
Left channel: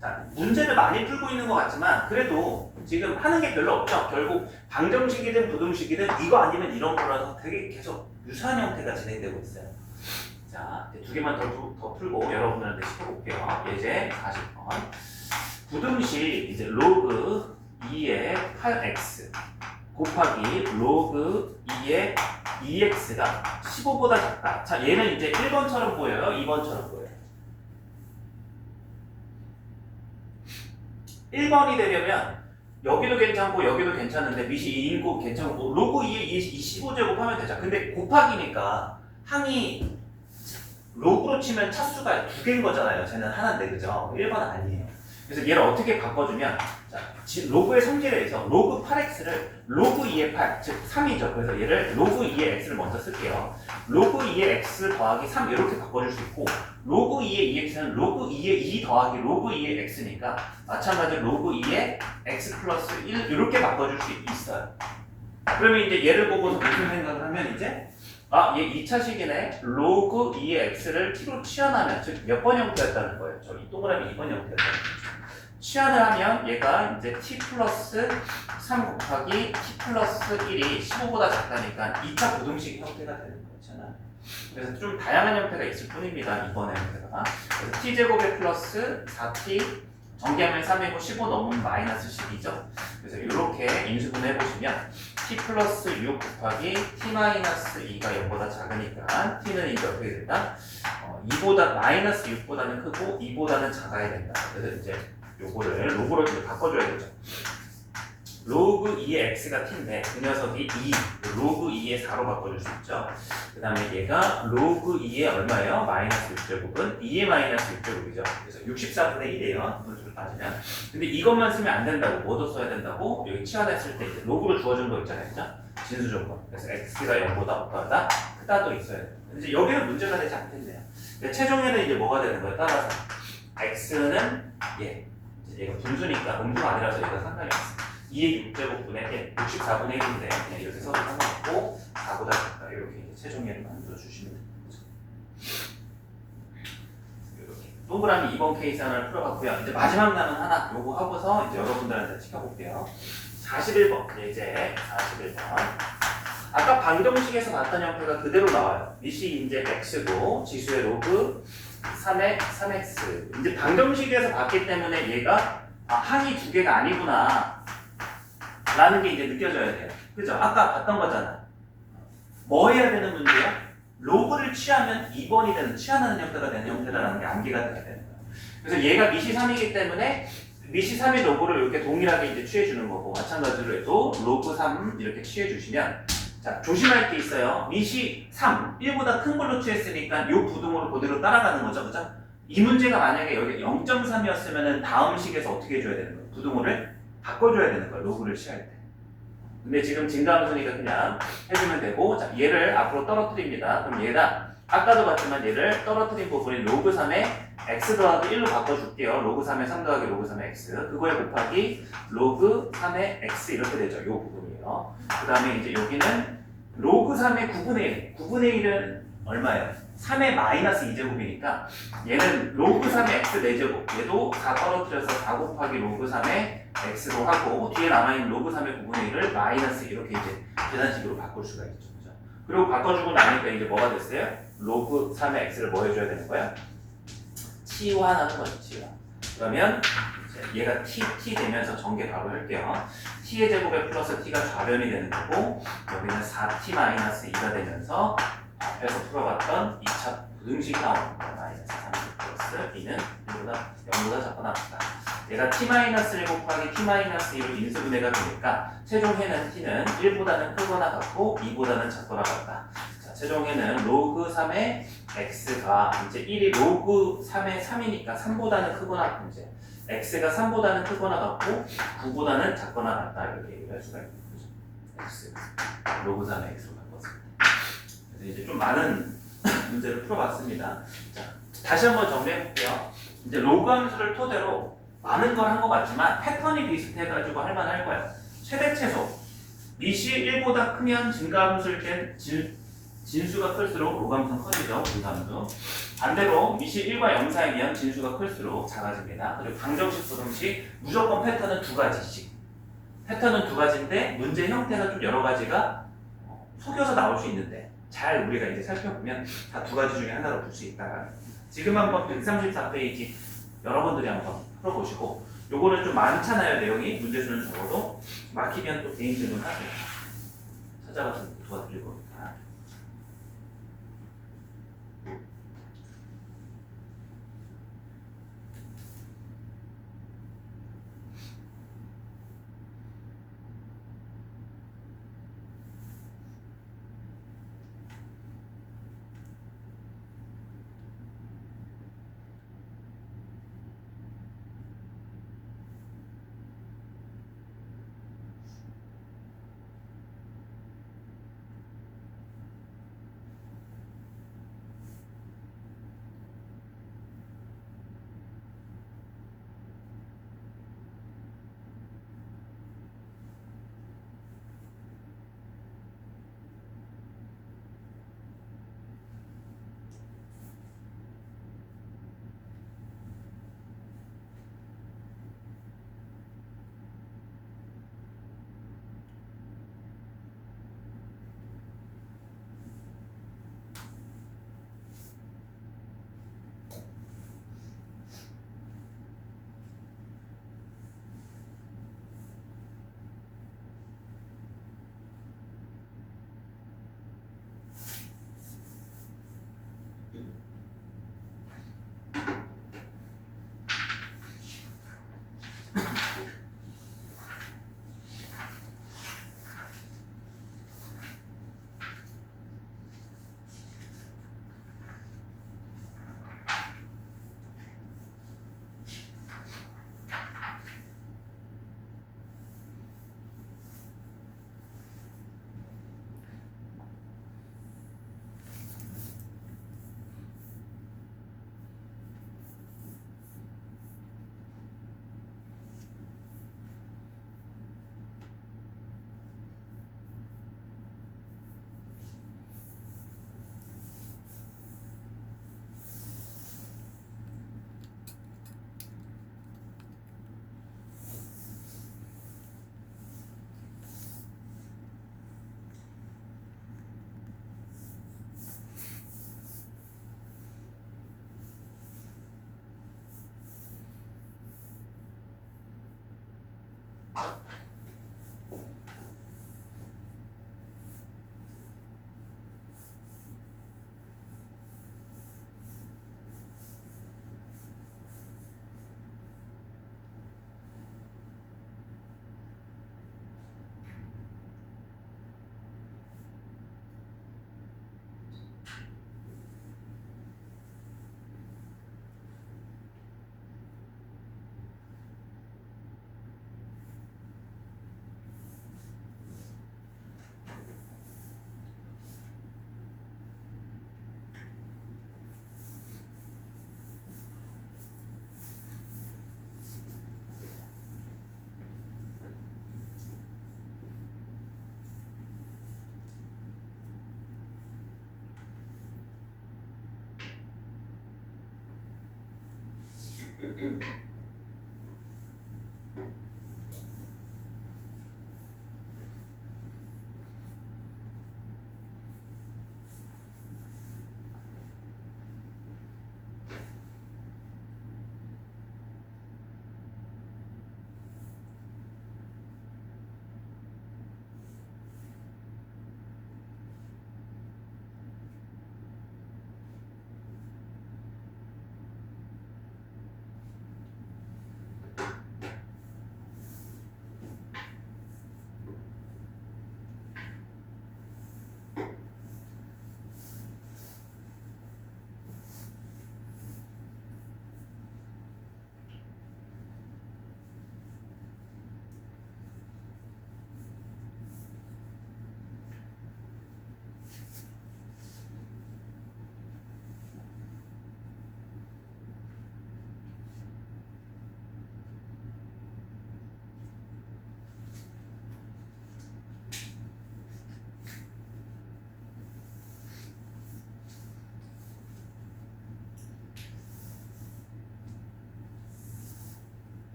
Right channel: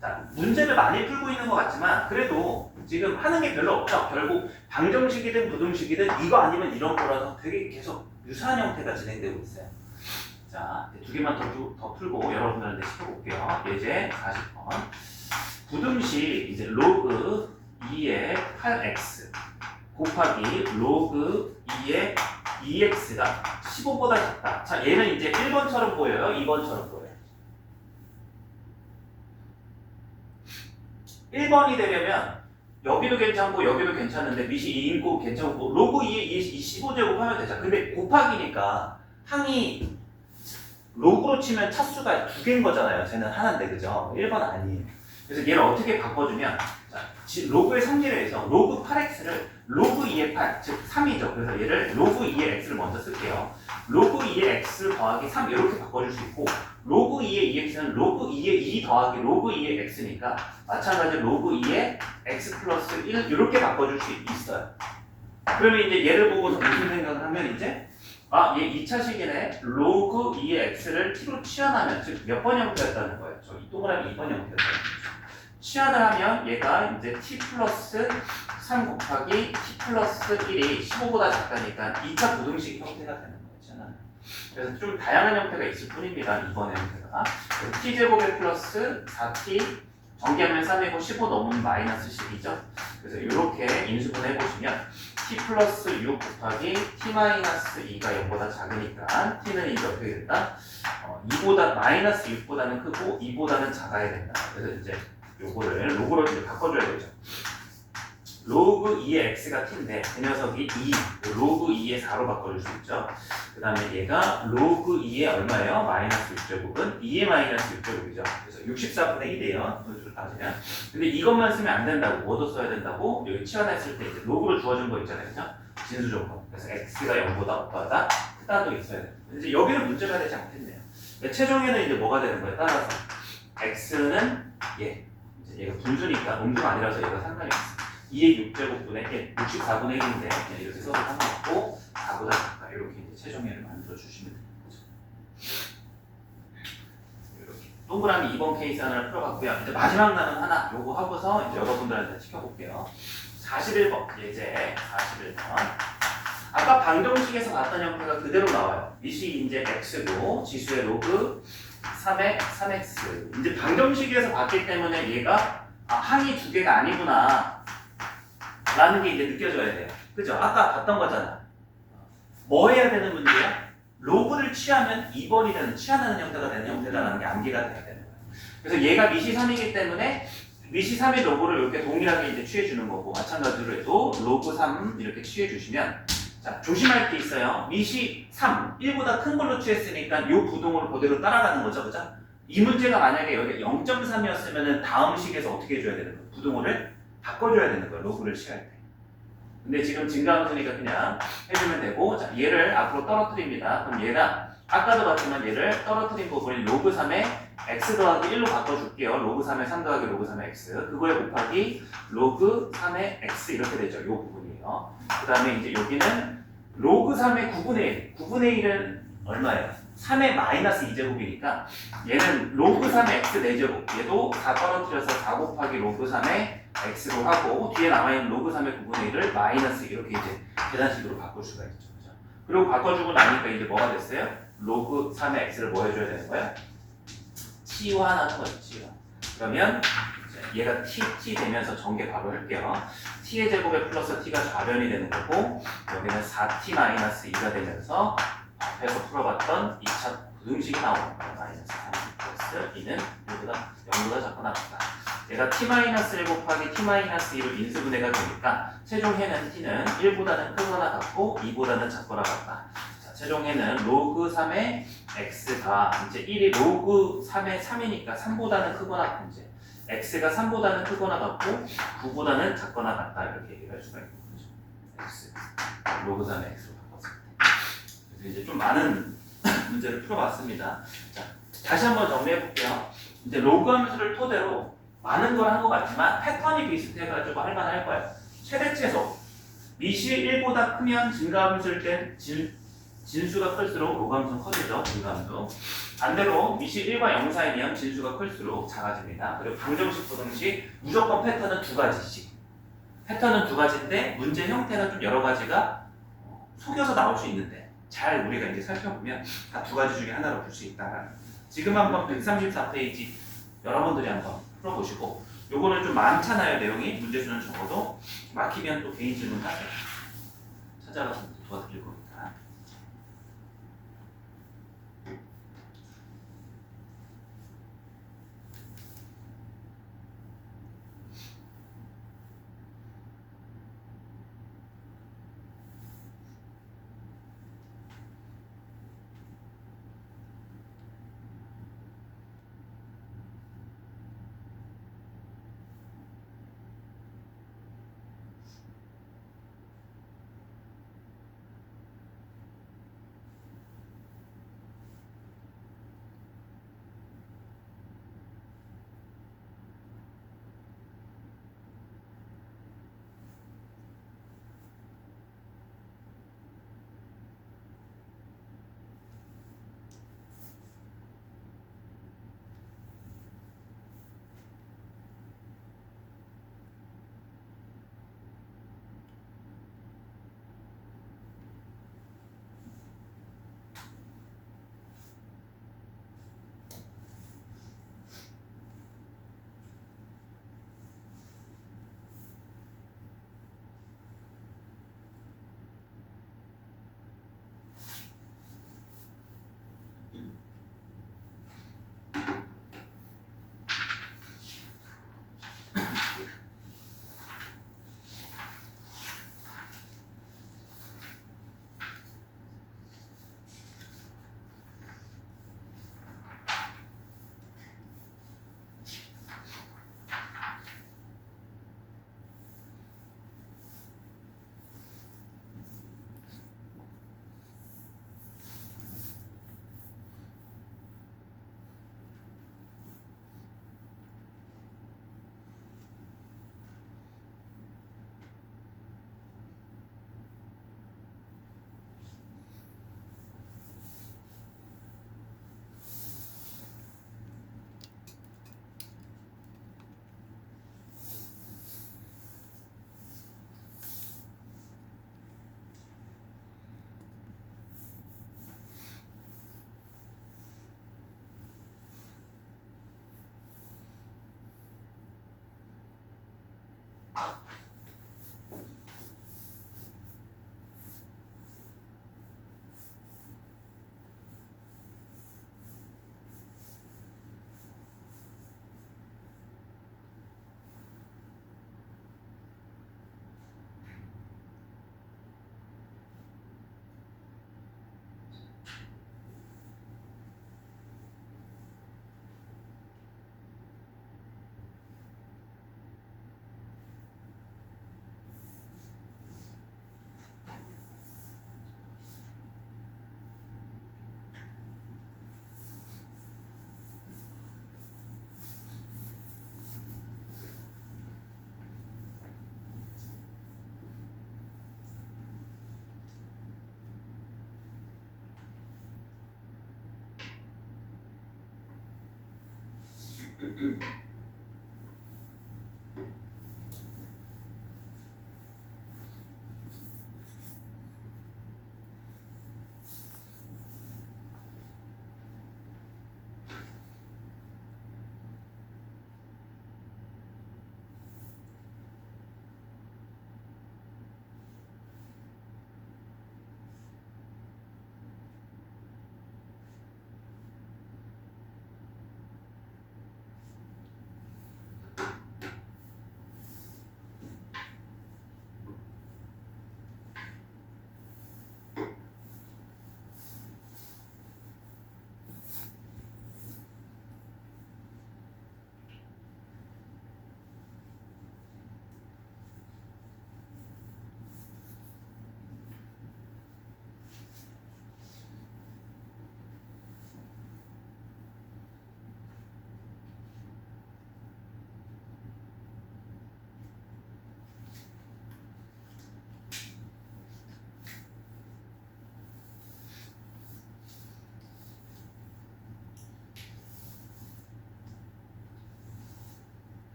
자, 문제를 많이 풀고 있는 것 같지만 그래도 지금 하는 게 별로 없죠. 결국 방정식이든 부등식이든 이거 아니면 이런 거라서 되게 계속 유사한 형태가 진행되고 있어요. 자, 두 개만 더 풀고 여러분들한테 시켜볼게요. 예제 40번. 부등식 이제 로그 2의 8x 곱하기 로그 2의 2x가 15보다 작다. 자, 얘는 이제 1번처럼 보여요? 2번처럼 보여요? 1번이 되려면 여기도 괜찮고 여기도 괜찮은데 밑이 2인 거 괜찮고 로그 2의 15제곱 하면 되죠. 근데 곱하기니까 항이 로그로 치면 차수가 두 개인 거잖아요. 쟤는 하나인데 그죠? 1번 아니에요. 그래서 얘를 어떻게 바꿔주면 자, 로그의 성질에 의해서 로그 8x를 로그 2의 8, 즉 3이죠. 그래서 얘를 로그 2의 x를 먼저 쓸게요. 로그 2의 x 더하기 3 이렇게 바꿔줄 수 있고 로그 2의 2x는 로그 2의 2 더하기 로그 2의 x니까 마찬가지로 로그 2의 x 플러스 1 이렇게 바꿔줄 수 있어요. 그러면 이제 얘를 보고서 무슨 생각을 하면 이제 얘 2차식이네. 로그 2의 x를 t로 치환하면 즉 몇 번 형태였다는 거예요. 저 이 동그라미 2번 형태였다는 거죠. 치환을 하면 얘가 이제 t 플러스 3 곱하기 t 플러스 1이 15보다 작다니까 2차 부등식 형태가 되는 거잖아. 그래서 좀 다양한 형태가 있을 뿐입니다. 이번 형태가. 그래서 t제곱에 플러스 4t 정리하면 3이고 15 넘으면 마이너스 10이죠. 그래서 이렇게 인수분해 해보시면 t 플러스 6 곱하기 t 마이너스 2가 0보다 작으니까 t는 이제 어떻게 된다? 2보다 마이너스 6보다는 크고 2보다는 작아야 된다. 그래서 이제 요거를 로그로 이제 바꿔줘야 되죠. 로그 2의 x가 t인데 그 녀석이 2, 로그 2의 4로 바꿔줄 수 있죠. 그 다음에 얘가 로그 2의 얼마예요? 마이너스 6제곱은 2의 마이너스 6제곱이죠. 그래서 64분의 1이에요. 이걸 따지면. 근데 이것만 쓰면 안 된다고. 뭐도 써야 된다고? 여기 치환했을 때 이제 로그로 주어진 거 있잖아요. 그죠? 진수 조건. 그래서 x가 0보다 못하다. 그 크다도 있어야 돼요. 이제 여기는 문제가 되지 않겠네요. 최종에는 이제 뭐가 되는 거예요? 따라서 x는 이제 얘가 분수니까 음수가 아니라서 얘가 상당히 없어. 2의 6제곱분의 1, 64분의 1인데 그냥 이렇게 써도 상관없고 4보다 작다. 이렇게 이제 최종예를 만들어 주시면 됩니다. 이렇게 동그라미 2번 케이스 하나를 풀어봤고요. 이제 마지막 남은 하나 요거 하고서 이제 여러분들한테 시켜볼게요. 41번 예제 41번. 아까 방정식에서 봤던 형태가 그대로 나와요. 밑이 이제 x고 지수의 로그 3의 3x. 이제 방정식에서 봤기 때문에 얘가 항이 두 개가 아니구나 라는 게 이제 느껴져야 돼요. 그죠? 아까 봤던 거잖아. 뭐 해야 되는 문제야? 로그를 취하면 2번이 되는, 취하는 형태가 되는 형태라는 게 암기가 돼야 되는 거야. 그래서 얘가 밑이 3이기 때문에 밑이 3의 로그를 이렇게 동일하게 이제 취해주는 거고, 마찬가지로 해도 로그 3 이렇게 취해주시면, 자, 조심할 게 있어요. 밑이 3, 1보다 큰 걸로 취했으니까 이 부동을 그대로 따라가는 거죠. 그죠? 이 문제가 만약에 여기 0.3이었으면 다음 식에서 어떻게 해줘야 되는 거예요? 부동호를 바꿔줘야 되는 거예요. 로그를 취할 때. 근데 지금 증가함수니까 그냥 해주면 되고, 자, 얘를 앞으로 떨어뜨립니다. 그럼 얘가 아까도 봤지만 얘를 떨어뜨린 부분이 로그 3의 x 더하기 1로 바꿔줄게요. 로그 3의 3 더하기 로그 3의 x. 그거에 곱하기 로그 3의 x 이렇게 되죠. 이 부분이에요. 그 다음에 이제 여기는 로그 3의 9분의 1. 9분의 1은 얼마예요? 3의 마이너스 2제곱이니까 얘는 로그 3의 x 4제곱. 얘도 4 떨어뜨려서 4 곱하기 로그 3의 x로 하고 뒤에 남아있는 로그 3의 9분의 1을 마이너스 이렇게 이제 계산식으로 바꿀 수가 있죠. 그죠? 그리고 바꿔주고 나니까 이제 뭐가 됐어요? 로그 3의 x를 뭐 해줘야 되는 거야? 치환하는 거죠. 치환. 그러면 얘가 t 되면서 전개 바로 할게요. t의 제곱에 플러스 t가 좌변이 되는 거고 여기는 4t-2가 되면서 앞에서 풀어봤던 2차 부등식 나오는 거야. 마이너스 30 플러스 2는 0보다 작거나 같다. 얘가 t-1 곱하기 t-1로 인수분해가 되니까 최종해는 t는 1보다는 크거나 같고 2보다는 작거나 같다. 자, 최종해는 로그 3의 x가 이제 1이 로그 3의 3이니까 3보다는 크거나 같은 이제 x가 3보다는 크거나 같고 9보다는 작거나 같다 이렇게 얘기를 할 수가 있는 거죠. x 로그 3의 x로 바꿨을 때. 그래서 이제 좀 많은 문제를 풀어봤습니다. 자, 다시 한번 정리해 볼게요. 이제 로그 함수를 토대로 많은 걸 한 것 같지만 패턴이 비슷해가지고 할만할 거예요. 최대체소 밑이 1보다 크면 증가함수일 땐 진수가 클수록 로그함수는 커지죠. 증가함수. 반대로 밑이 1과 0 사이면 진수가 클수록 작아집니다. 그리고 방정식, 부등식 무조건 패턴은 두 가지씩. 패턴은 두 가지인데 문제 형태는 좀 여러 가지가 속여서 나올 수 있는데 잘 우리가 이제 살펴보면 다 두 가지 중에 하나로 볼 수 있다. 지금 한번 134페이지 여러분들이 한번 풀어보시고 요거는 좀 많잖아요. 내용이 문제수는 적어도 막히면 또 개인 질문 하세요. 찾아가서 도와드릴 겁니다.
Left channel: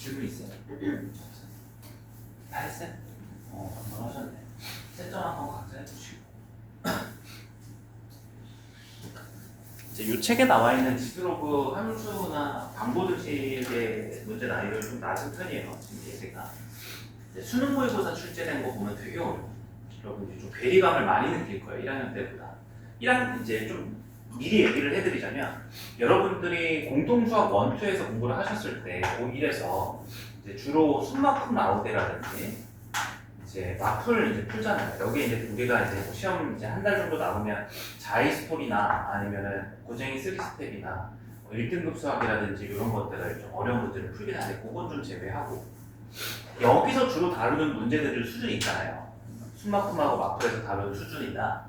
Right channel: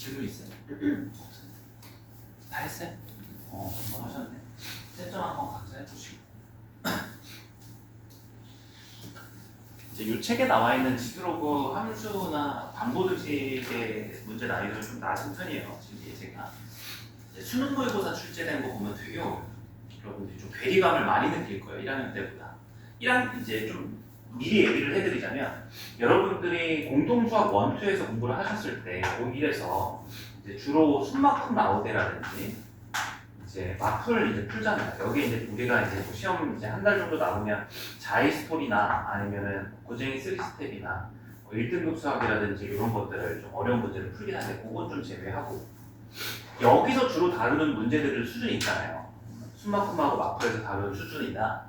질문 있어요? 다 했어요? 금방 하셨네. 채점 한번 각자 해보시고. 이제 이 책에 나와 있는 지드로그 함수나 반보드식의 문제 난이도는 좀 낮은 편이에요. 지금 예제가. 이제 수능 모의고사 출제된 거 보면 되게 어려워요. 여러분들이 좀 괴리감을 많이 느낄 거예요. 1학년 때보다. 1학년 이제 좀 미리 얘기를 해드리자면 여러분들이 공통수학 1, 2에서 공부를 하셨을 때 고1에서 이제 주로 숨막힘 나오대라든지 이제 마플 이제 풀잖아요. 여기 이제 우리가 이제 뭐 시험 이제 한 달 정도 남으면 자이 스토리나 아니면은 고쟁이 3스텝이나 1등급 수학이라든지 이런 것들을 좀 어려운 문제를 풀긴 하는데 그건 좀 제외하고 여기서 주로 다루는 문제들 수준이 있잖아요. 숨막힘하고 마플에서 다루는 수준이나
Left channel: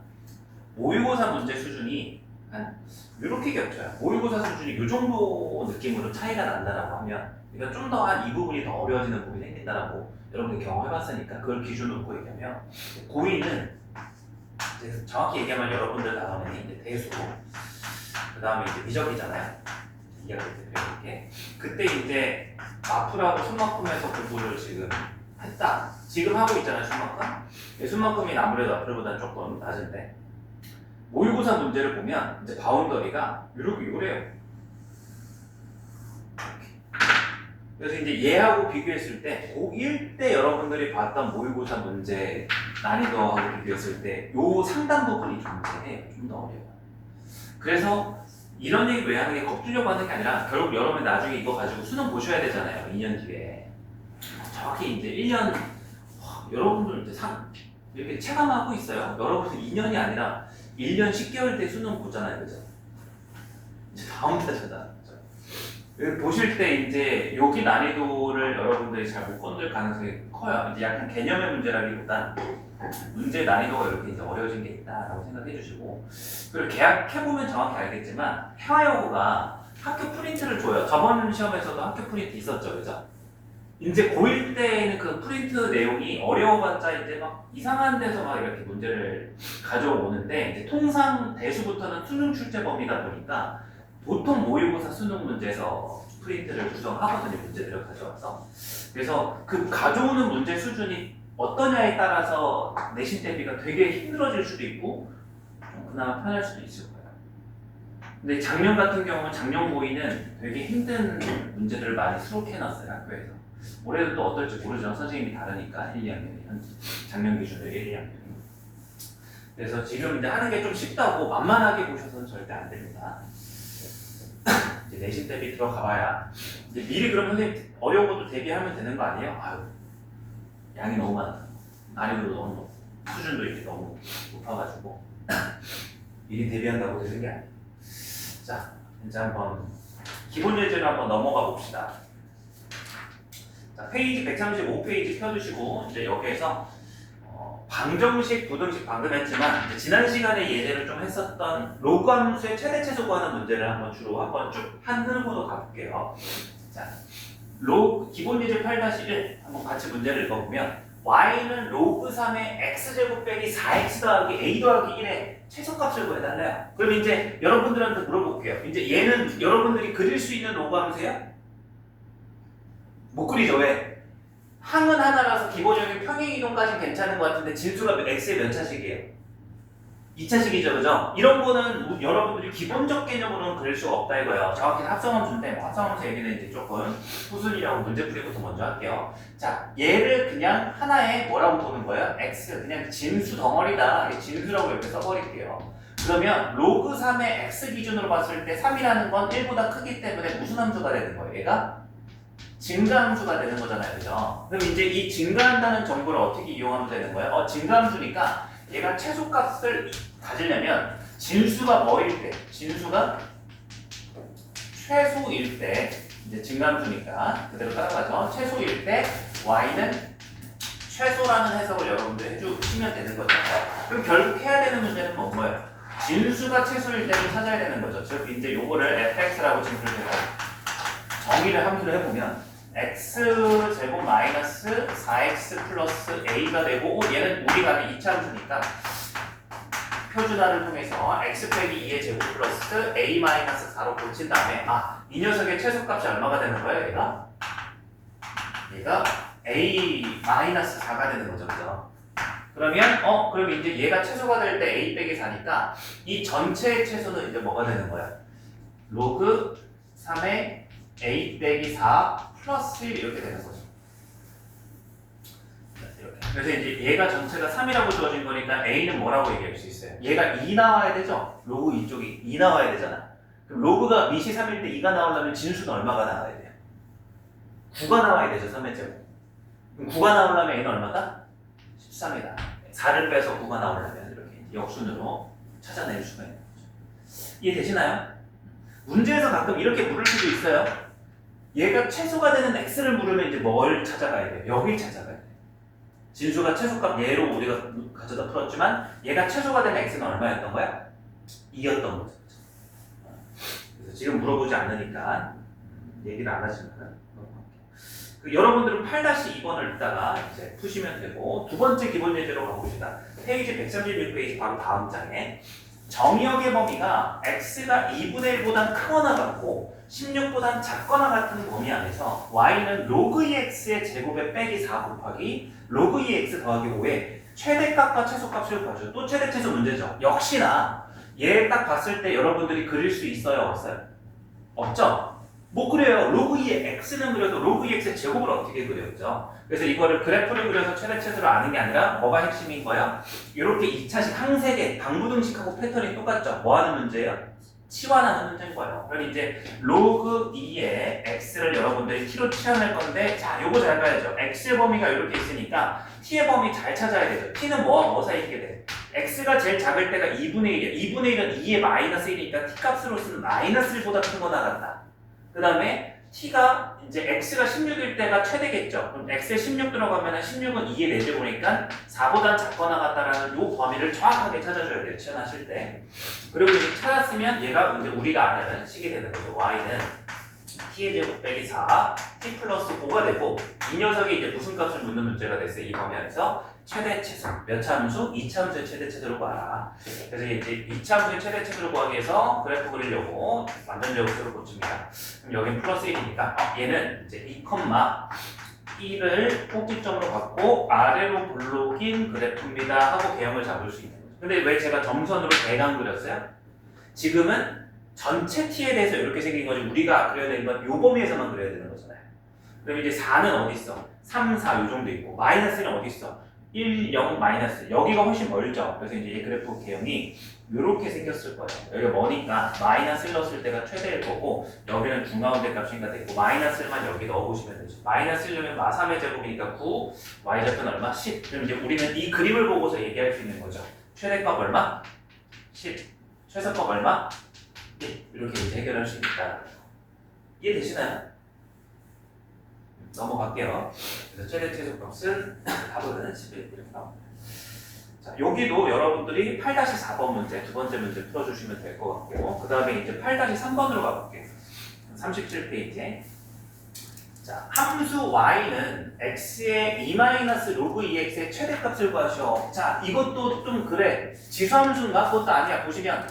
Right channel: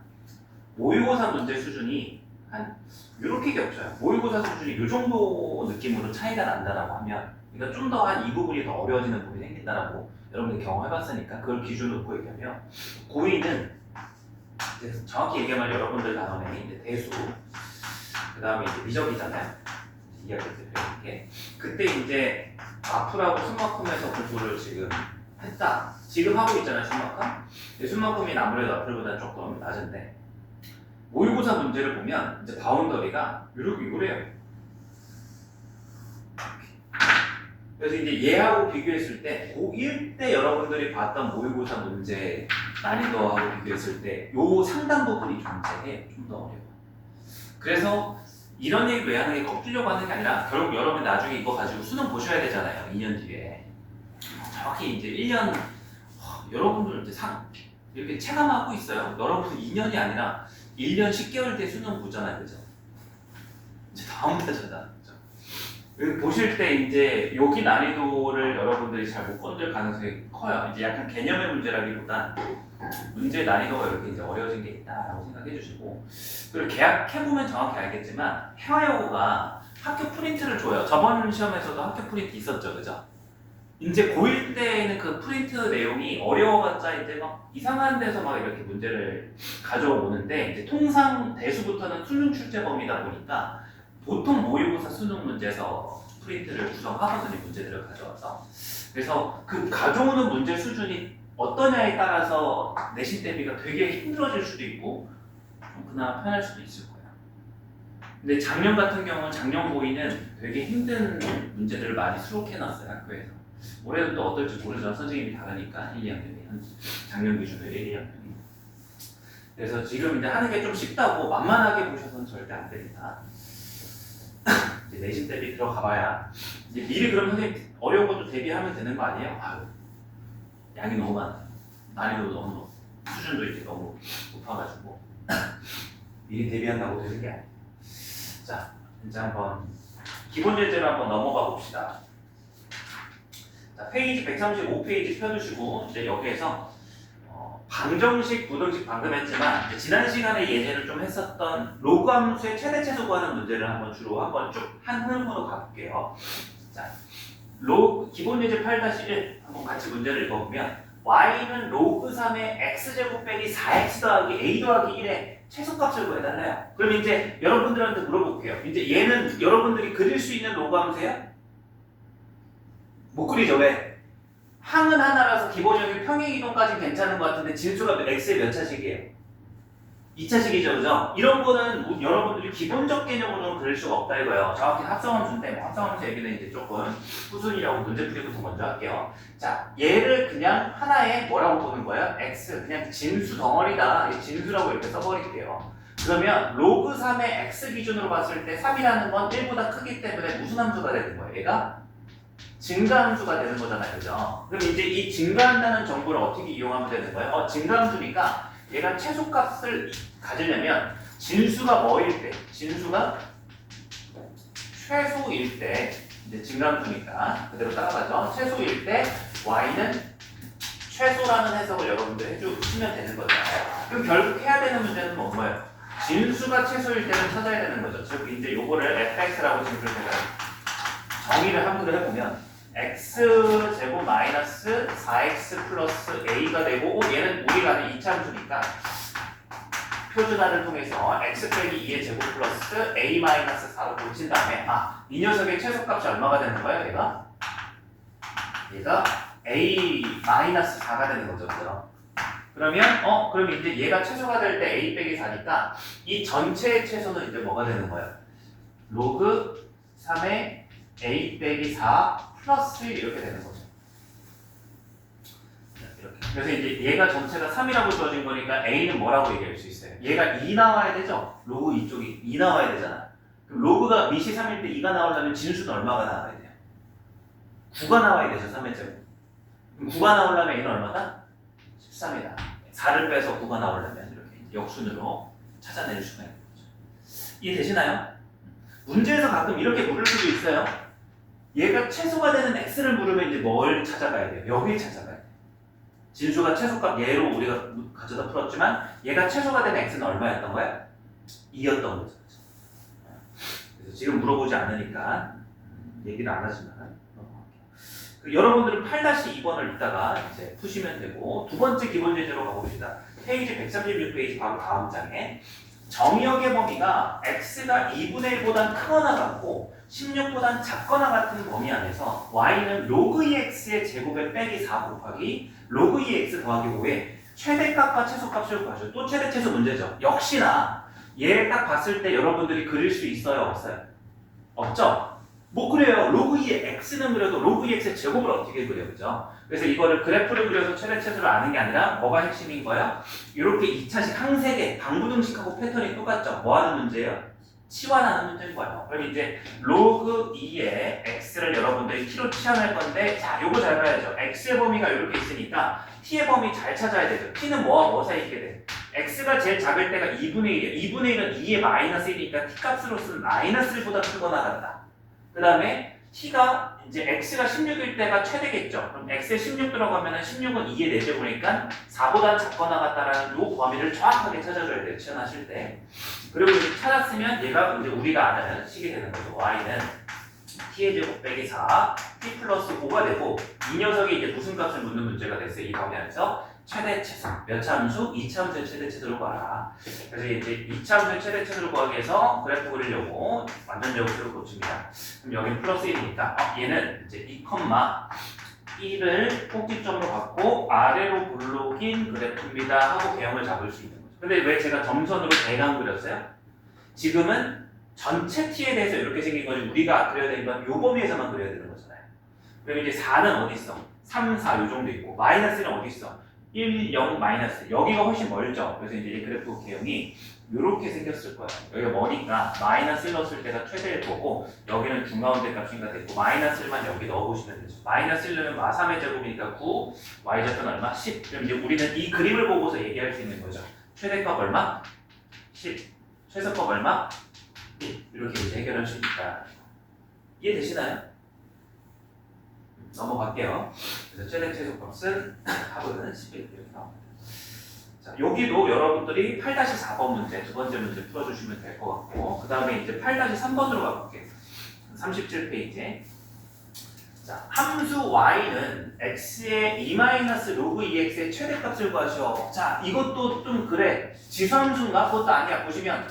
모의고사 문제 수준이 한 이렇게 겹쳐요. 모의고사 수준이 이 정도 느낌으로 차이가 난다라고 하면 그러니까 좀 더 한 이 부분이 더 어려워지는 부분이 생긴다라고 여러분들이 경험해봤으니까 그걸 기준으로 놓고 얘기하면 고2는 정확히 얘기하면 여러분들 단원에 이제 대수 그 다음에 이제 미적이잖아요. 이야기 때 그때 이제 마플하고 숨막힘에서 공부를 지금 했다. 지금 하고 있잖아요. 숨막힘. 숨막힘이 아무래도 마플보다 조금 낮은데 모의고사 문제를 보면 이제 바운더리가 이래요. 그래서 이제 얘하고 비교했을 때 고1 때 여러분들이 봤던 모의고사 문제 난이도하고 비교했을 때 요 상당 부분이 존재해요. 좀 더 어려워요. 그래서 이런 얘기 왜 하는 게 겁주려고 하는 게 아니라 결국 여러분 나중에 이거 가지고 수능 보셔야 되잖아요. 2년 뒤에. 정확히 이제 1년 여러분들 이제 이렇게 체감하고 있어요. 여러분은 2년이 아니라 1년 10개월 때 수능 보잖아요. 그죠? 이제 다음 달이잖아. 보실 때 이제 여기 난이도를 여러분들이 잘 못 건들 가능성이 커요. 이제 약간 개념의 문제라기보단 문제 난이도가 이렇게 이제 어려워진 게 있다라고 생각해 주시고 그리고 계약해보면 정확히 알겠지만 회화여고가 학교 프린트를 줘요. 저번 시험에서도 학교 프린트 있었죠. 그죠? 이제 고1 때는 그 프린트 내용이 어려워봤자 이제 막 이상한 데서 막 이렇게 문제를 가져오는데 이제 통상 대수부터는 수능 출제 범위다 보니까 보통 모의고사 수능 문제에서 프린트를 구성하거든요. 문제들을 가져와서. 그래서 그 가져오는 문제 수준이 어떠냐에 따라서 내신 대비가 되게 힘들어질 수도 있고 좀 그나마 편할 수도 있을 거예요. 근데 작년 같은 경우는 작년 고2는 되게 힘든 문제들을 많이 수록해놨어요. 학교에서. 올해도 또 어떨지 모르지만 선생님이 다르니까 1, 2학년이 작년 기준으로 1, 2학년이. 그래서 지금 이제 하는 게 좀 쉽다고 만만하게 보셔서는 절대 안 됩니다. 이제 내신 대비 들어가봐야 이제 미리 그러면 선생님 어려운 것도 대비하면 되는 거 아니에요? 아유, 양이 너무 많아. 난이도 너무 높고 수준도 이렇게 너무 높아가지고 미리 대비한다고 되는 게 아니에요. 자, 이제 한번 기본 예제를 한번 넘어가 봅시다. 자, 페이지 135페이지 펴주시고 이제 여기에서 방정식, 부등식 방금 했지만 지난 시간에 예제를 좀 했었던 로그 함수의 최대 최소 구하는 문제를 한번 주로 한번 쭉 한 흐름으로 가볼게요. 자, 기본 예제 8-1 한번 같이 문제를 읽어보면 y는 로그 3의 x제곱 빼기 4x 더하기 a 더하기 1의 최소값을 구해달래요. 그럼 이제 여러분들한테 물어볼게요. 이제 얘는 여러분들이 그릴 수 있는 로그 함수예요? 못 그리죠. 왜? 항은 하나라서 기본적인 평행이동까지는 괜찮은 것 같은데 진수가 x의 몇 차식이에요? 2차식이죠. 그죠? 이런 거는 여러분들이 기본적 개념으로는 그릴 수가 없다 이거예요. 정확히 합성함수인데 합성함수 얘기는 이제 조금 후순위라고 문제풀이부터 먼저 할게요. 자, 얘를 그냥 하나의 뭐라고 보는 거예요? x, 그냥 진수 덩어리다. 진수라고 이렇게 써버릴게요. 그러면 로그 3의 x 기준으로 봤을 때 3이라는 건 1보다 크기 때문에 무슨 함수가 되는 거예요? 얘가? 증가함수가 되는 거잖아요. 그죠? 그럼 이제 이 증가한다는 정보를 어떻게 이용하면 되는 거예요? 증가함수니까 얘가 최소값을 가지려면 진수가 뭐일 때? 진수가 최소일 때 이제 증가함수니까 그대로 따라가죠. 최소일 때 y는 최소라는 해석을 여러분들 해주시면 되는 거죠. 그럼 결국 해야 되는 문제는 뭐예요? 진수가 최소일 때를 찾아야 되는 거죠. 즉 이제 요거를 fx라고 지금 정의를 함수를 해보면 x제곱 마이너스 4x 플러스 a가 되고 얘는 우리가 아는 2차 함수니까 표준화를 통해서 x 빼기 2의 제곱 플러스 a 마이너스 4로 고친 다음에 이 녀석의 최소값이 얼마가 되는 거예요? 얘가 a 마이너스 4가 되는 거죠. 그죠? 그러면 그럼 이제 얘가 최소가 될 때 a 빼기 4니까 이 전체의 최소는 이제 뭐가 되는 거예요? 로그 3의 a 빼기 4 플러스 1 이렇게 되는 거죠. 이렇게. 그래서 이제 얘가 전체가 3이라고 주어진 거니까 A는 뭐라고 얘기할 수 있어요? 얘가 2 나와야 되죠? 로그 이쪽이 2 나와야 되잖아. 그럼 로그가 밑이 3일 때 2가 나오려면 진수는 얼마가 나와야 돼요? 9가 나와야 되죠, 3의 제곱. 그럼 9가 나오려면 A는 얼마다? 13이다. 4를 빼서 9가 나오려면 이렇게 역순으로 찾아낼 수가 있는 거죠. 이해되시나요? 문제에서 가끔 이렇게 물을 수도 있어요. 얘가 최소가 되는 x를 물으면 이제 뭘 찾아가야 돼요? 여길 찾아가야 돼요. 진수가 최소값 얘로 우리가 가져다 풀었지만 얘가 최소가 되는 x는 얼마였던 거야? 2였던 거죠. 그래서 지금 물어보지 않으니까 얘기를 안 하지만 여러분들은 8-2번을 이따가 이제 푸시면 되고 두 번째 기본 예제로 가봅시다. 페이지 136페이지 바로 다음 장에 정역의 범위가 x가 2분의 1보다 크거나 같고 16보다 작거나 같은 범위 안에서 y는 로그 2x의 제곱에 빼기 4 곱하기 로그 2x 더하기 5의 최대값과 최소값을 구하죠. 또 최대 최소 문제죠. 역시나 얘 딱 봤을 때 여러분들이 그릴 수 있어요? 없어요? 없죠? 못 그려요. 로그 2의 x는 그려도 로그 2x의 제곱을 어떻게 그려, 그죠? 그래서 이거를 그래프를 그려서 최대 최소를 아는 게 아니라 뭐가 핵심인 거야? 이렇게 2차식 항세계, 방부등식하고 패턴이 똑같죠? 뭐 하는 문제예요? 치환하는 문제인 거예요. 그럼 이제 로그 2의 x를 여러분들이 t로 치환할 건데 자, 요거 잘 봐야죠. x의 범위가 이렇게 있으니까 t의 범위 잘 찾아야 되죠. t는 뭐와 뭐 사이게 돼? x가 제일 작을 때가 2분의 1이야. 2분의 1은 2의 마이너스 1이니까 t 값으로서는 마이너스 1보다 큰 거 나간다. 그 다음에 t가 이제 x가 16일 때가 최대겠죠. 그럼 x에 16 들어가면 16은 2의 4제곱이니까 4보다 작거나 같다라는 요 범위를 정확하게 찾아줘야 돼요. 치환하실 때. 그리고 이제 찾았으면 얘가 이제 우리가 아는 식이 되는 거죠. y는 t의 제곱 빼기 4, t 플러스 5가 되고 이 녀석이 이제 무슨 값을 묻는 문제가 됐어요. 이 범위 안에서 최대 최소. 몇 차함수? 2차함수의 최대 최소를 구하라. 그래서 이제 2차함수의 최대 최소를 구하기 위해서 그래프 그리려고 완전 제곱수를 고칩니다. 그럼 여기는 플러스 1이니까 얘는 이제 2,1을 꼭지점으로 갖고 아래로 볼록인 그래프입니다 하고 개형을 잡을 수 있는 거죠. 근데 왜 제가 점선으로 대강 그렸어요? 지금은 전체 t에 대해서 이렇게 생긴 거지 우리가 그려야 되는 건 요 범위에서만 그려야 되는 거잖아요. 그럼 이제 4는 어디 있어? 3, 4 요 정도 있고 마이너스는 어디 있어? 1, 0, 마이너스 여기가 훨씬 멀죠. 그래서 이제 이 그래프 개형이 이렇게 생겼을 거예요. 여기가 머니까 마이너스 1 넣었을 때가 최대일 거고 여기는 중가운데 값인가 됐고 마이너스 1만 여기 넣어보시면 되죠. 마이너스 1은 마 3의 제곱이니까 9, y좌표는 얼마? 10. 그럼 이제 우리는 이 그림을 보고서 얘기할 수 있는 거죠. 최대값 얼마? 10. 최소값 얼마? 1. 이렇게 이제 해결할 수 있다. 이해되시나요? 넘어갈게요. 그래서 최대 최소값은 합은 11 이렇게 나옵니다. 자, 여기도 여러분들이 8-4번 문제, 두 번째 문제 풀어주시면 될 것 같고 그 다음에 이제 8-3번으로 가볼게요. 37페이지. 자, 함수 y는 x의 2-로그 2x의 최대값을 구하셔. 자, 이것도 좀 그래. 지수함수인가? 그것도 아니야. 보시면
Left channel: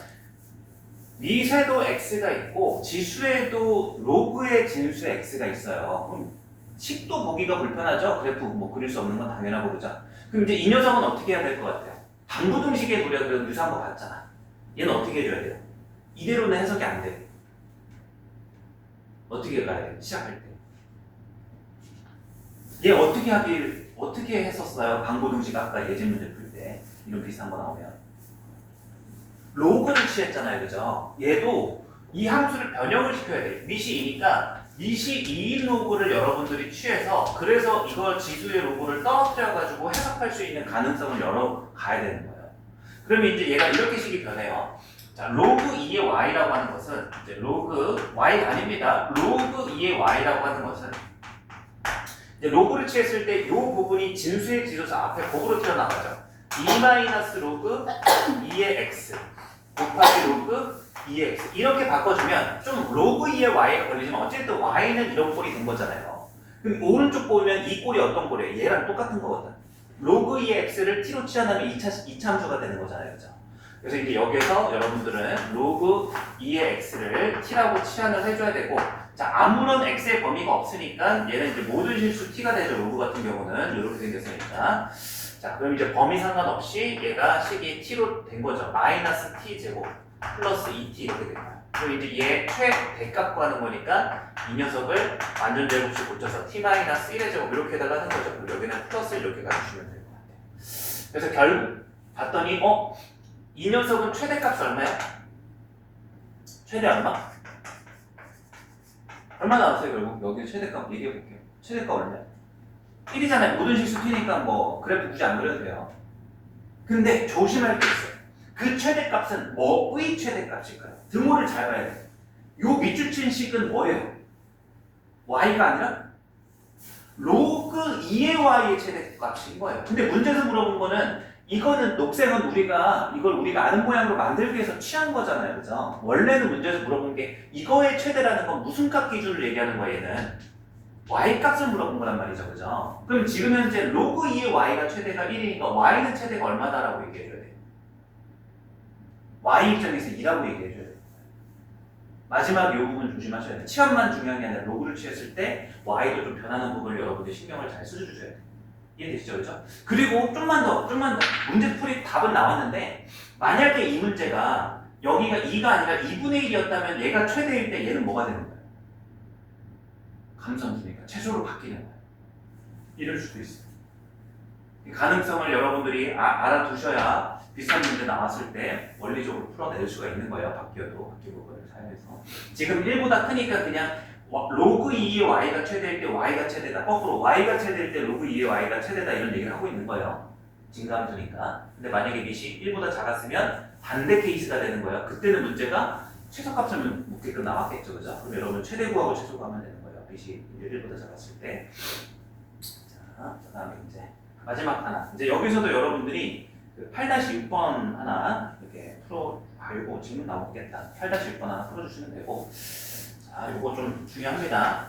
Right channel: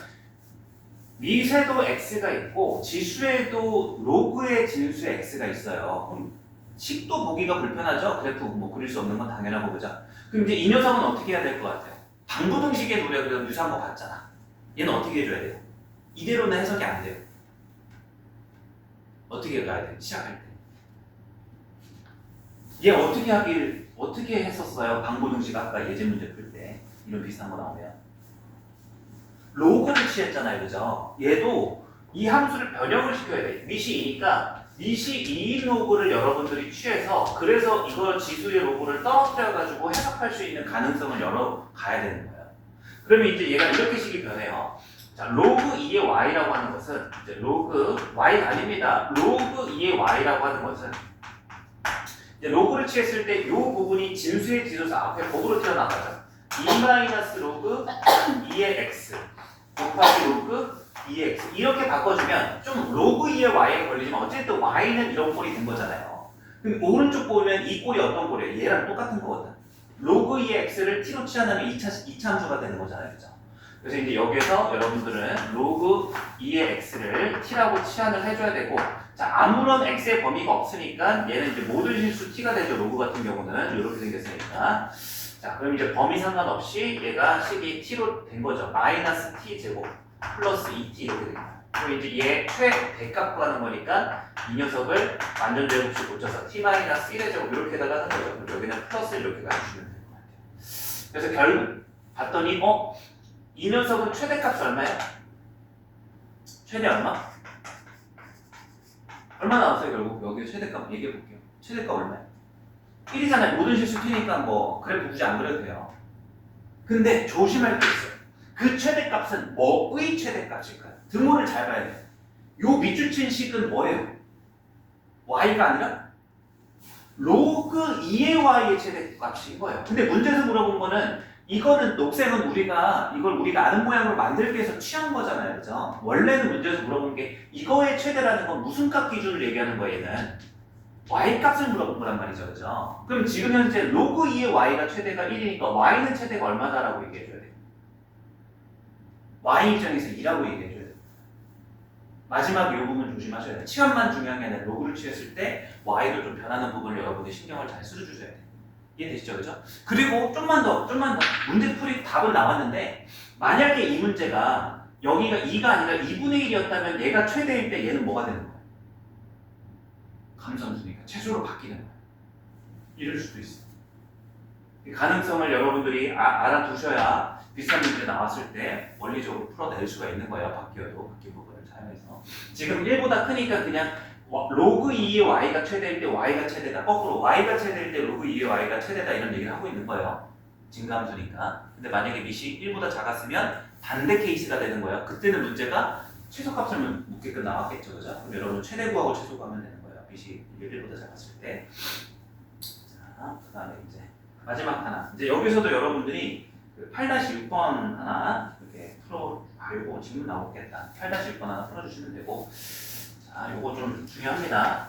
미세도 x가 있고 지수에도 로그의 진수 x가 있어요. 그럼 식도 보기가 불편하죠? 그래프 뭐 그릴 수 없는 건 당연하고 그죠? 그럼 이제 이 녀석은 어떻게 해야 될 것 같아요? 방부등식의 우리가 그래도 유사한 거 봤잖아. 얘는 어떻게 해줘야 돼요? 이대로는 해석이 안 돼요. 어떻게 가야 돼요? 시작할 때. 얘 어떻게 했었어요? 방부등식 아까 예제 문제 풀 때 이런 비슷한 거 나오면 로그를 취했잖아요, 그죠? 얘도 이 함수를 변형을 시켜야 돼. 밑이 2니까 밑이 2인 로그를 여러분들이 취해서 그래서 이걸 지수의 로그를 떨어뜨려가지고 해석할 수 있는 가능성을 열어가야 되는 거예요. 그러면 이제 얘가 이렇게 식이 변해요. 자, 로그 2의 y라고 하는 것은 이제 로그 y가 아닙니다. 로그 2의 y라고 하는 것은 이제 로그를 취했을 때 이 부분이 진수의 지수에서 앞에 곱으로 튀어나가죠. 2-로그 2의 x 곱하기 로그 2x 이렇게 바꿔주면 좀 로그 2의 y에 걸리지만 어쨌든 y는 이런 꼴이 된 거잖아요. 그럼 오른쪽 보면 이 꼴이 어떤 꼴이에요? 얘랑 똑같은 거거든. 로그 2의 x를 t로 치환하면 2차 함수가 되는 거잖아요. 그죠? 그래서 이제 여기서 여러분들은 로그 2의 x를 t라고 치환을 해줘야 되고 자 아무런 x의 범위가 없으니까 얘는 이제 모든 실수 t가 되죠. 로그 같은 경우는 이렇게 생겼으니까 자 그럼 이제 범위 상관없이 얘가 식이 t로 된 거죠. 마이너스 t 제곱 플러스 2t 이렇게 됩니다. 그리고 이제 얘 최대값 구하는 거니까 이 녀석을 완전 제곱식 고쳐서 t-1의 제곱 이렇게 해달라는 거죠. 그리고 여기는 플러스 이렇게 가주시면 될 것 같아요. 그래서 결국 봤더니 이 녀석은 최대값이 얼마야? 최대 얼마? 얼마 나왔어요 결국? 여기 최대값 얘기해 볼게요. 최대값 얼마야? 1이잖아요. 모든 실수 t니까 뭐 그래프 굳이 안 그려도 돼요. 근데 조심할 게 있어요. 그 최대값은 뭐의 최대값일까요? 등호를 잘 봐야 돼요. 요 밑줄 친 식은 뭐예요? y가 아니라 로그 2의 y의 최대값인 거예요. 근데 문제에서 물어본 거는 이거는 녹색은 이걸 우리가 아는 모양으로 만들기 위해서 취한 거잖아요. 그죠? 원래는 문제에서 물어본 게 이거의 최대라는 건 무슨 값 기준을 얘기하는 거예요, 얘는? y 값을 물어본 거란 말이죠. 그죠? 그럼 지금 현재 로그 2의 y가 최대가 1이니까 y는 최대가 얼마다라고 얘기해줘야 돼요. y 입장에서 2라고 얘기해줘야 돼요. 마지막 이 부분 조심하셔야 돼요. 치환만 중요한 게 아니라 로그를 취했을 때 y도 좀 변하는 부분을 여러분들 신경을 잘 써주셔야 돼요. 이해되시죠? 그죠? 그리고 좀만 더 문제풀이 답은 나왔는데 만약에 이 문제가 여기가 2가 아니라 2분의 1이었다면 얘가 최대일 때 얘는 뭐가 되는 거예요? 감소함수니까 최소로 바뀌는 거예요. 이럴 수도 있어요. 이 가능성을 여러분들이 알아두셔야 비슷한 문제 나왔을 때 원리적으로 풀어낼 수가 있는 거예요. 바뀌어도 바뀐 부분을 사용해서. 지금 1보다 크니까 그냥 로그 2의 y가 최대일 때 y가 최대다. 거꾸로 y가 최대일 때 로그 2의 y가 최대다 이런 얘기를 하고 있는 거예요. 증가함수니까. 근데 만약에 밑이 1보다 작았으면 반대 케이스가 되는 거예요. 그때는 문제가 최소값을 묻게끔 나왔겠죠. 그죠? 그럼 여러분 최대 구하고 최소 구하면 되는 거예요. 밑이 1보다 작았을 때. 자, 그 다음에 이제 마지막 하나. 이제 여기서도 여러분들이 8-6번 하나 이렇게 풀어보고 질문 나오겠다. 8-6번 하나 풀어주시면 되고. 자, 요거 좀 중요합니다.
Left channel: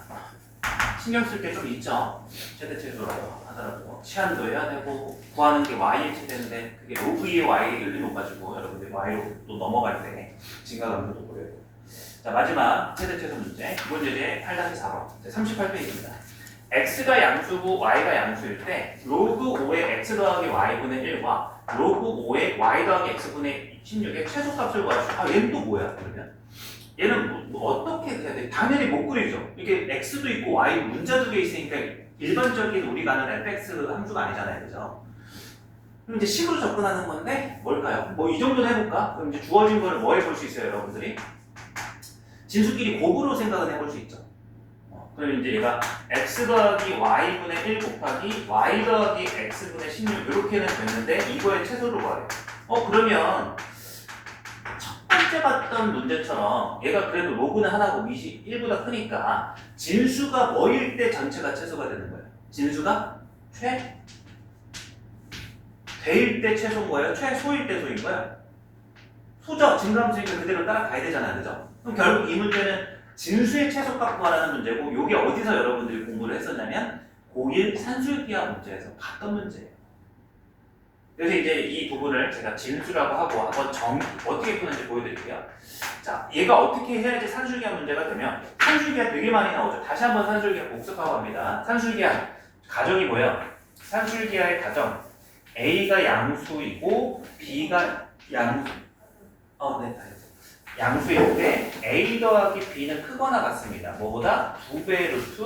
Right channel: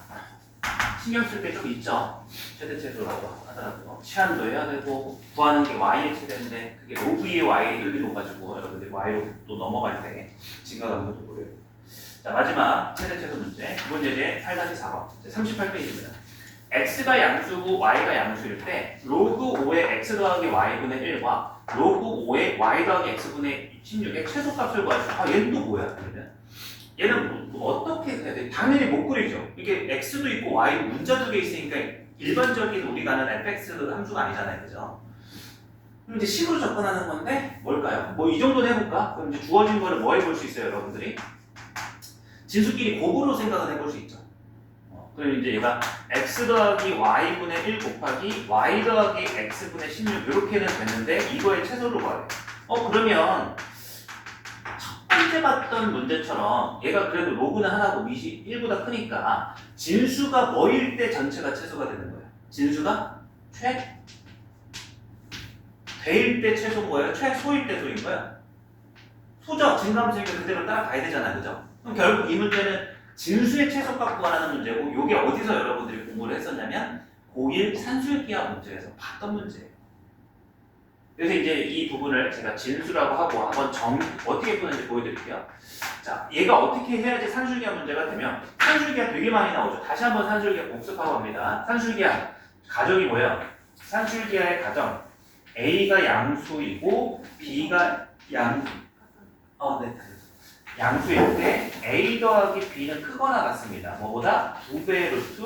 신경 쓸 게 좀 있죠. 최대 최소로 하더라도 치환도 해야 되고 구하는 게 y의 최대인데 그게 로그 2의 y를 넣어가지고 여러분들이 y로 또 넘어갈 때 증가감도도 보여요. 자, 마지막 최대 최소 문제. 이번 예제 8-4번 38페이지입니다. x가 양수고 y가 양수일 때 로그 5의 x 더하기 y분의 1과 로그 5의 y 더하기 x분의 16의 최소값을 구하시오. 얘는 또 뭐야? 그러면 얘는 어떻게 해야 돼? 당연히 못 그리죠. 이게 x도 있고 y 문자 두 개 있으니까 일반적인 우리가 아는 fx 함수가 아니잖아요. 그죠? 그럼 이제 식으로 접근하는 건데 뭘까요? 뭐 이 정도는 해볼까? 그럼 이제 주어진 거를 뭐 해볼 수 있어요, 여러분들이? 진수끼리 곱으로 생각을 해볼 수 있죠. 그럼 이제 얘가 x 더하기 y분의 1 곱하기 y 더하기 x분의 16 이렇게는 됐는데 이거의 최소를 구하래요. 그러면 첫 번째 봤던 문제처럼 얘가 그래도 로그는 하나고 밑이 1보다 크니까 진수가 뭐일 때 전체가 최소가 되는 거예요. 진수가 대일 때 최소인 거예요? 최소일 때 소인 거예요? 소죠. 증가함수니까 그대로 따라가야 되잖아요. 그죠? 그럼 결국 이 문제는 진수의 최소값 구하라는 문제고 이게 어디서 여러분들이 공부를 했었냐면 고1 산술기하 문제에서 봤던 문제예요. 그래서 이제 이 부분을 제가 진수라고 하고 한번 어떻게 푸는지 보여드릴게요. 자, 얘가 어떻게 해야지 산술기하 문제가 되면 산술기하 되게 많이 나오죠. 다시 한번 산술기하 복습하고 합니다. 산술기하 가정이 뭐예요? 산술기하의 가정 A가 양수이고 B가 양수일 때 A 더하기 B는 크거나 같습니다. 뭐보다 2배 루트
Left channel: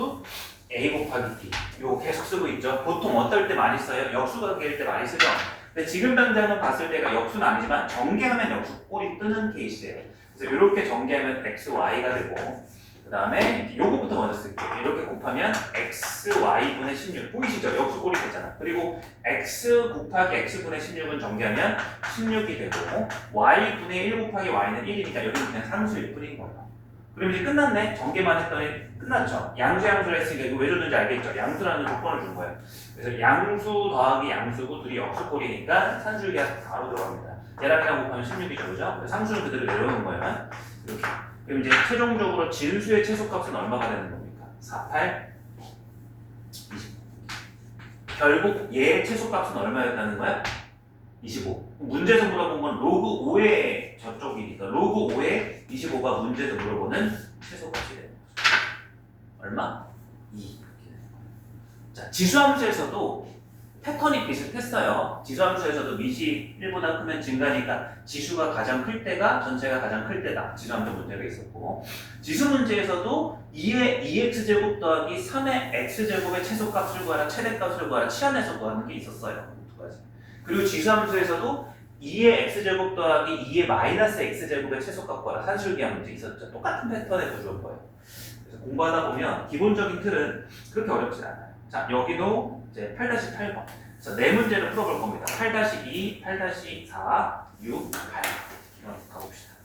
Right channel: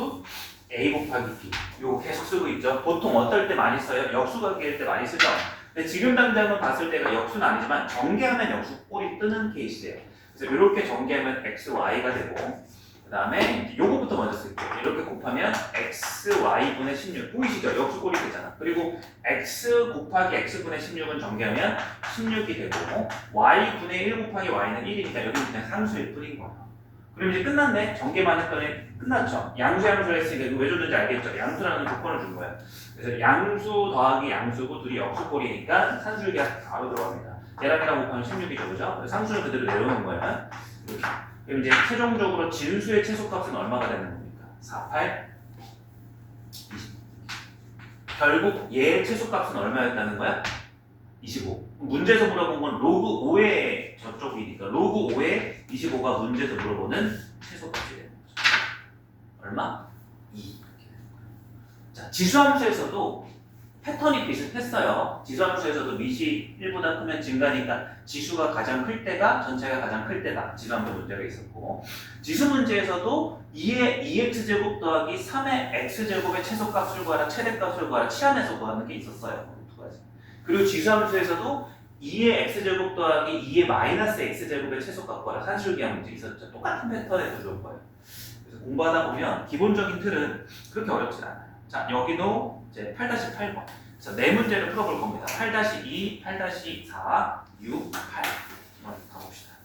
A 곱하기 B. 요거 계속 쓰고 있죠. 보통 어떨 때 많이 써요? 역수관계일 때 많이 쓰죠. 근데 지금 당장은 봤을 때가 역수는 아니지만 전개하면 역수 꼴이 뜨는 케이스예요. 그래서 이렇게 전개하면 x, y가 되고 그 다음에 요거부터 먼저 쓸게요. 이렇게 곱하면 x, y분의 16 보이시죠? 역수 꼴이 되잖아. 그리고 x 곱하기 x분의 16은 전개하면 16이 되고 y분의 1 곱하기 y는 1이니까 여기는 그냥 상수일 뿐인 거예요. 그럼 이제 끝났네? 전개만 했더니 끝났죠? 양수를 했으니까 이거 왜 줬는지 알겠죠? 양수라는 조건을 준 거예요. 그래서 양수 더하기 양수고 둘이 역수꼴이니까 산술기하 바로 들어갑니다. 얘랑이랑 곱하면 16이죠, 그죠? 상수는 그대로 내려놓은 거예요. 이렇게. 그럼 이제 최종적으로 진수의 최소값은 얼마가 되는 겁니까? 4, 8, 20. 결국 얘의 최소값은 얼마였다는 거야? 25. 문제에서 물어본 건 로그 5의 저쪽이니까 로그 5의 25가 문제에서 물어보는 최소값이 되는 거죠. 얼마? 2. 이렇게 되는 거예요. 자, 지수함수에서도 패턴이 비슷했어요. 지수함수에서도 밑이 1보다 크면 증가니까 지수가 가장 클 때가 전체가 가장 클 때다. 지수함수 문제가 있었고 지수 문제에서도 2의 2x제곱 더하기 3의 x제곱의 최소값을 구하라 최대값을 구하라 치환해서 구하는 게 있었어요. 두 가지. 그리고 지수함수에서도 2의 x제곱 더하기 2의 마이너스 x제곱의 최소값 구하라 산술기하 문제 있었죠. 똑같은 패턴의 구조일 거예요. 그래서 공부하다 보면 기본적인 틀은 그렇게 어렵진 않아요. 자, 여기도 이제 8-8번. 자, 네 문제를 풀어볼 겁니다. 8-2, 8-4, 6, 8. 한번 가봅시다.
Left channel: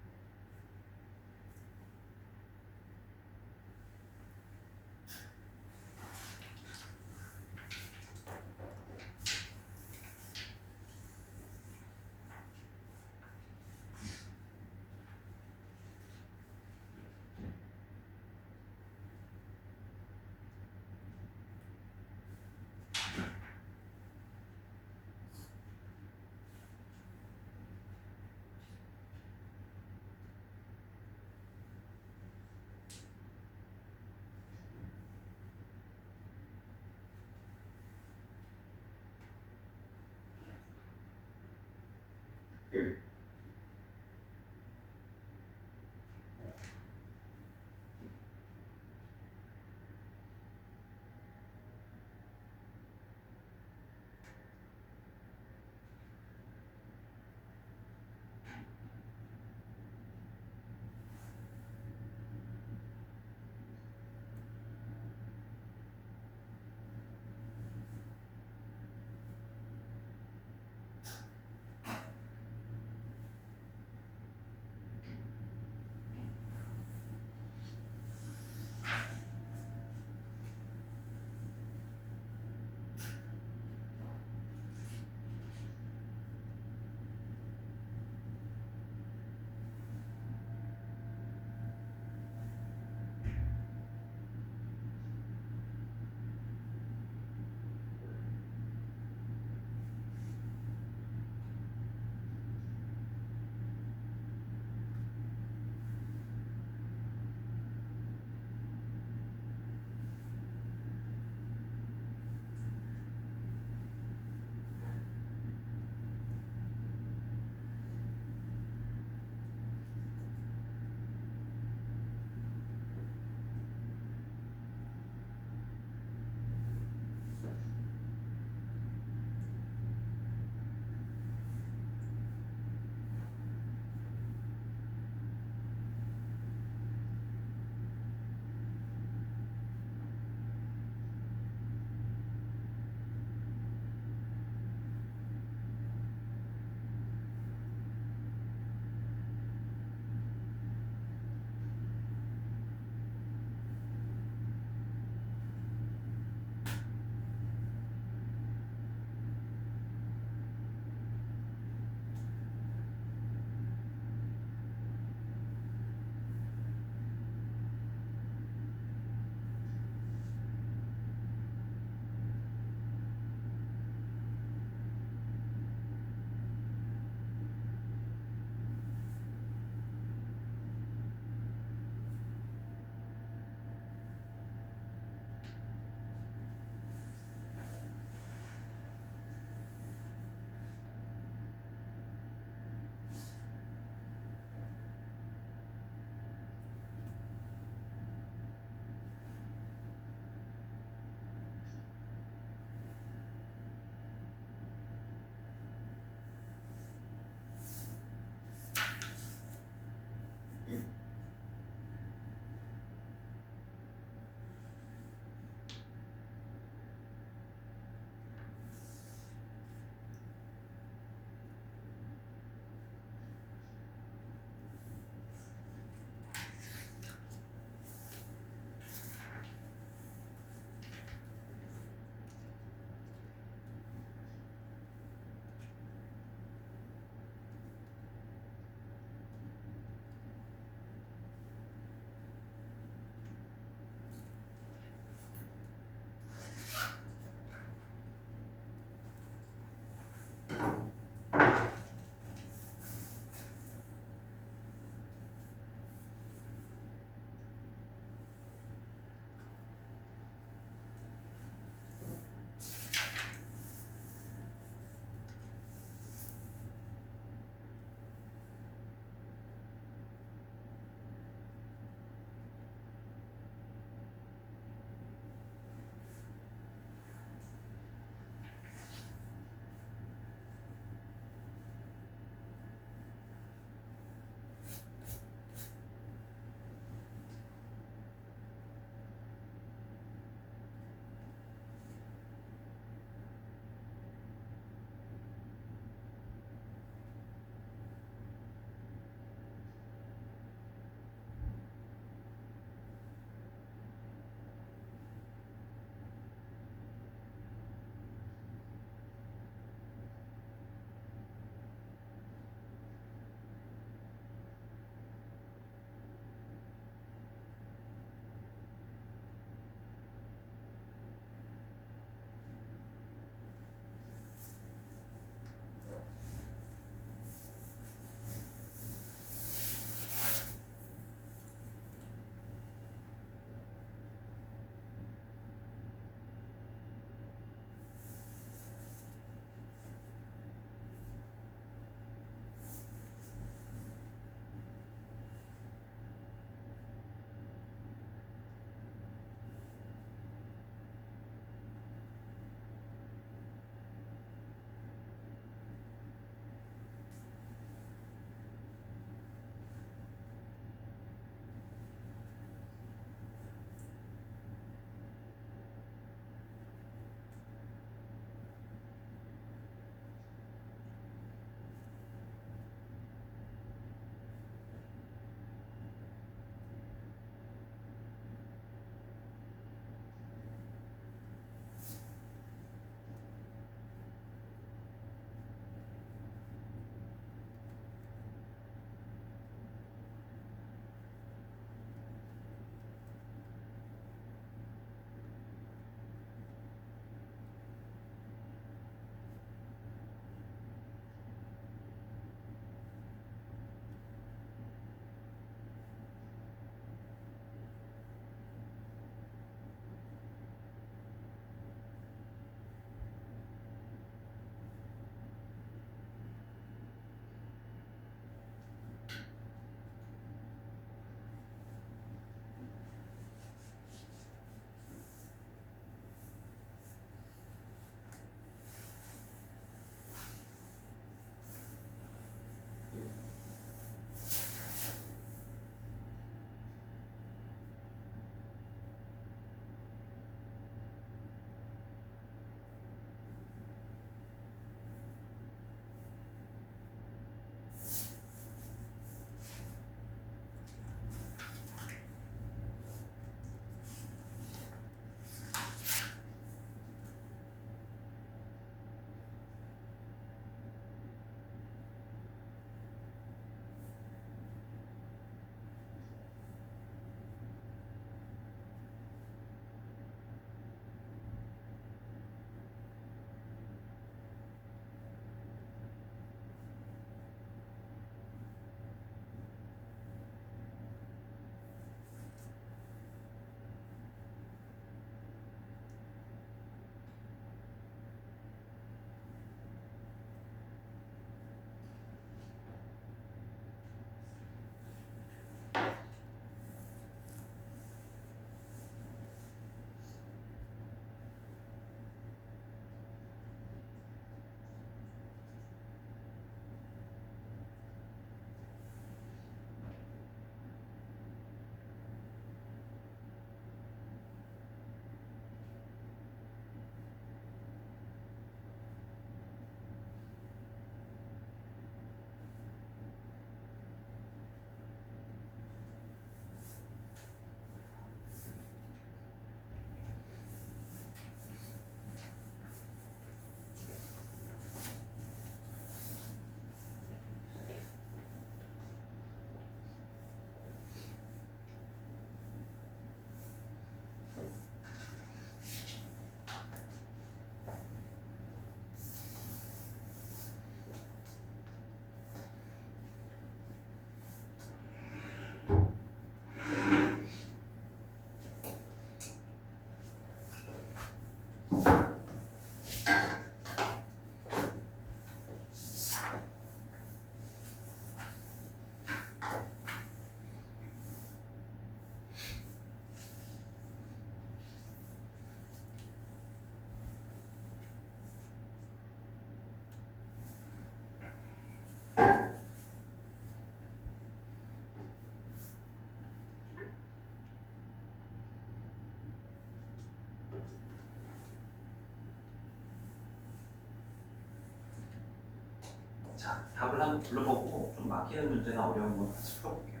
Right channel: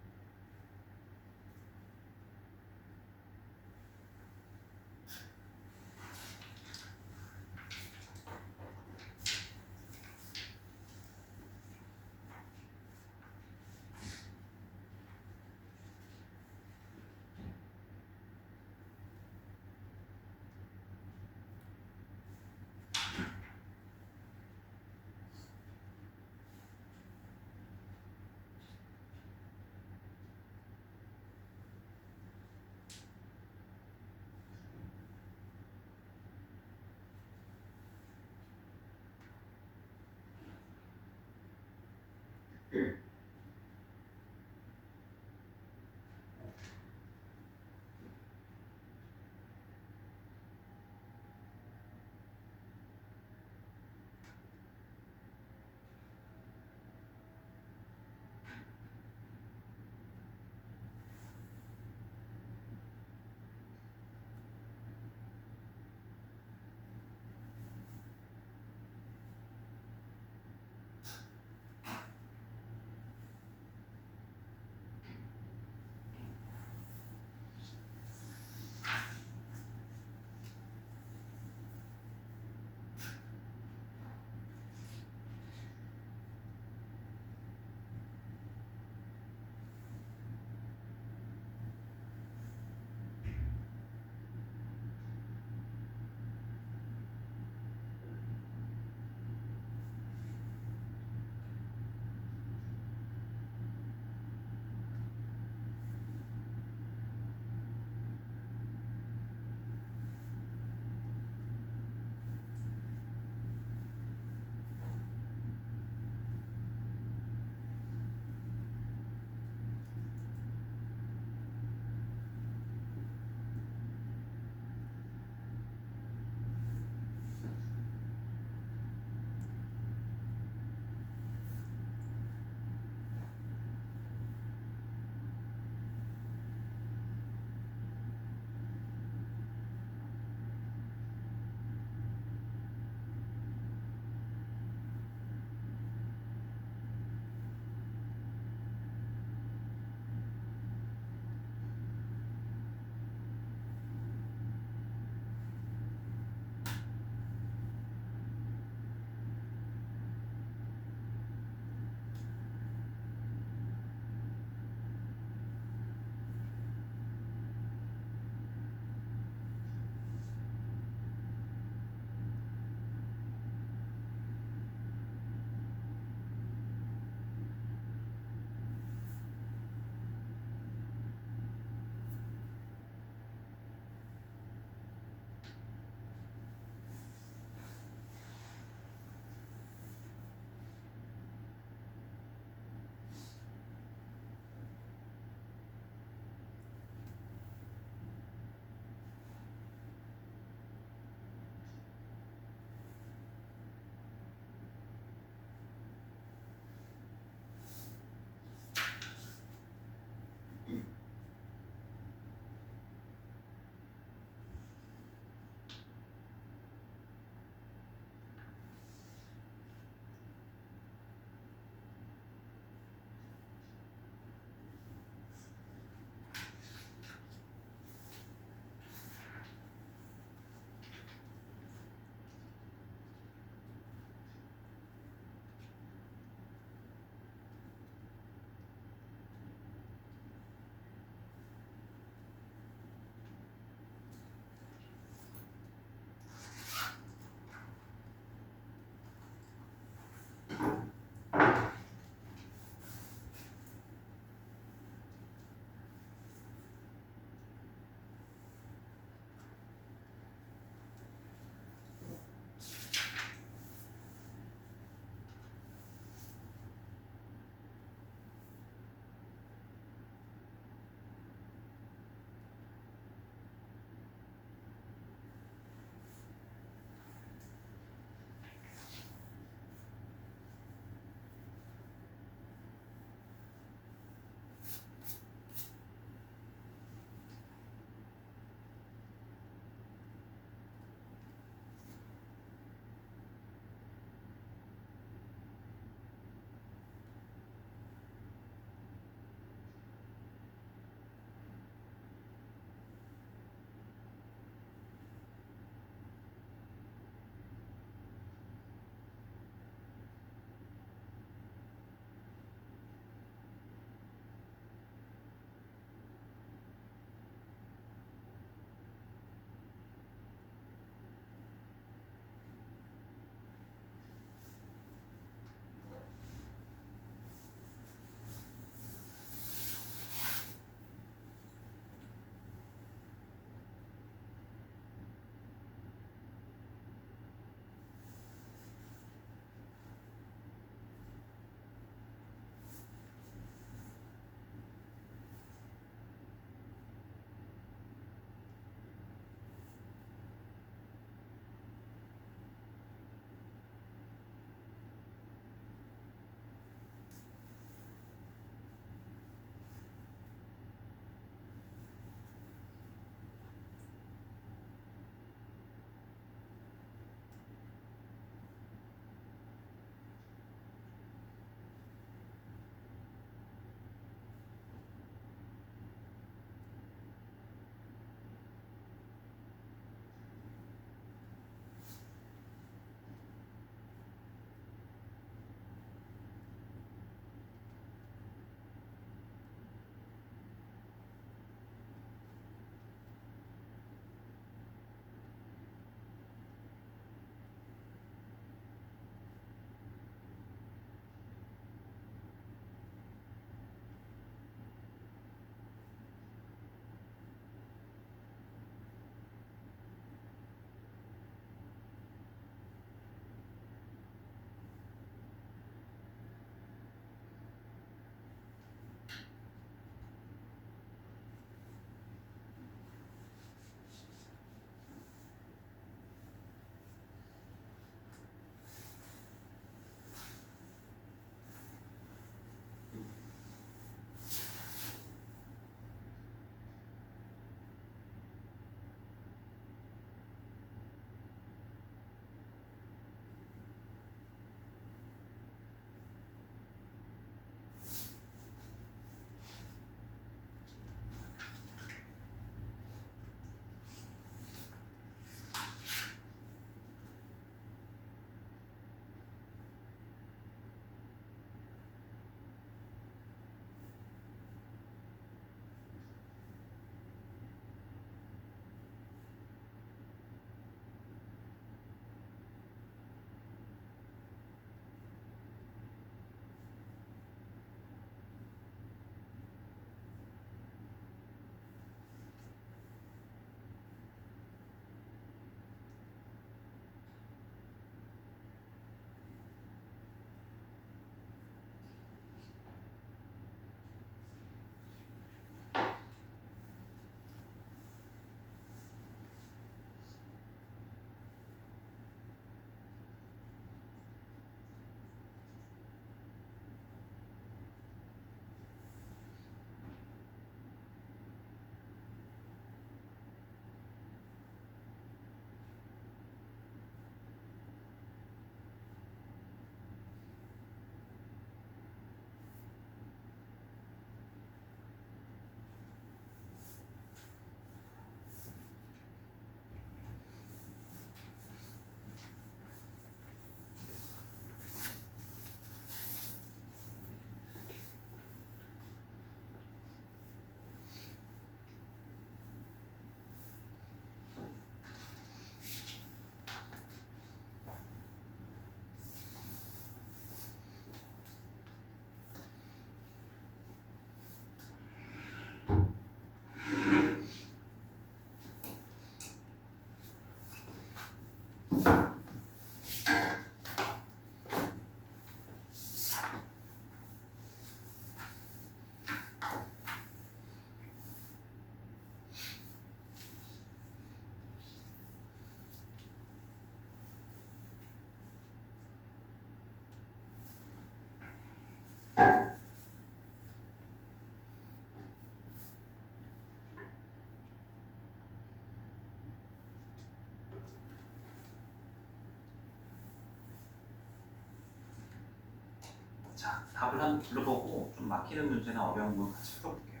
답을 한번 불러보고 좀 막히는 문제나 어려운 거 같이 풀어볼게요.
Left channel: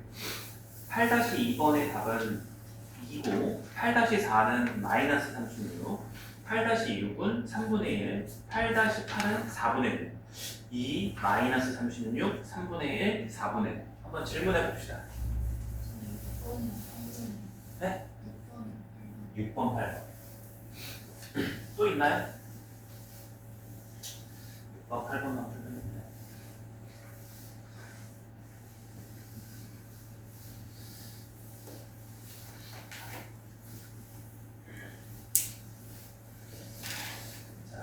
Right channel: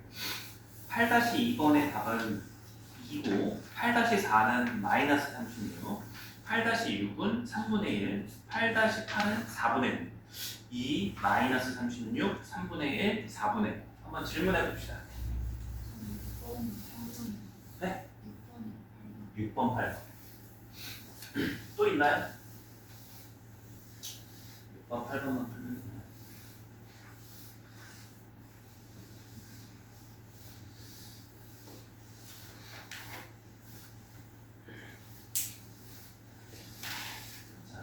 8-2번의 답은 2고 8-4는 마이너스 36, 8-6은 3분의 1, 8-8은 4분의 1, 2 마이너스 36, 3분의 1, 4분의 1. 한번 질문해 봅시다. 네? 6번, 8번. 또 있나요? 6번, 8번만 풀면 되나요? 자,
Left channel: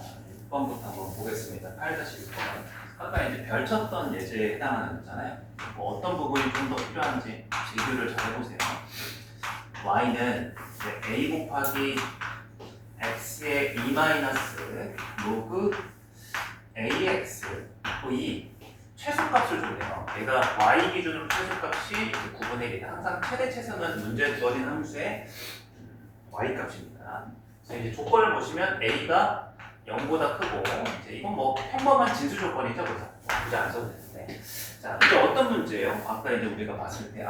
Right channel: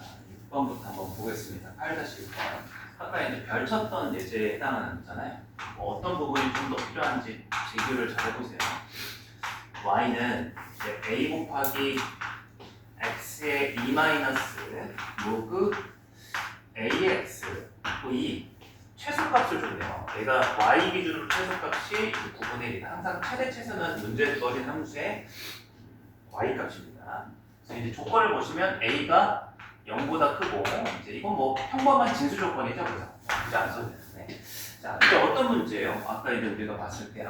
6번부터 한번 보겠습니다. 8-6번. 아까 이제 별 쳤던 예제에 해당하는 거잖아요. 뭐 어떤 부분이 좀 더 필요한지 비교를 잘 해보세요. y는 이제 a 곱하기 x의 2 마이너스 로그 ax 이 최소값을 줬네요. 얘가 y 기준으로 최소값이 9분의 1이다. 항상 최대 최소는 문제 주어진 함수의 y 값입니다. 그래서 이제 조건을 보시면 a가 0보다 크고 이제 이건 뭐 평범한 진수 조건이죠, 그죠? 굳이 안 써도 되는데. 자, 이제 어떤 문제예요? 아까 이제 우리가 봤을 때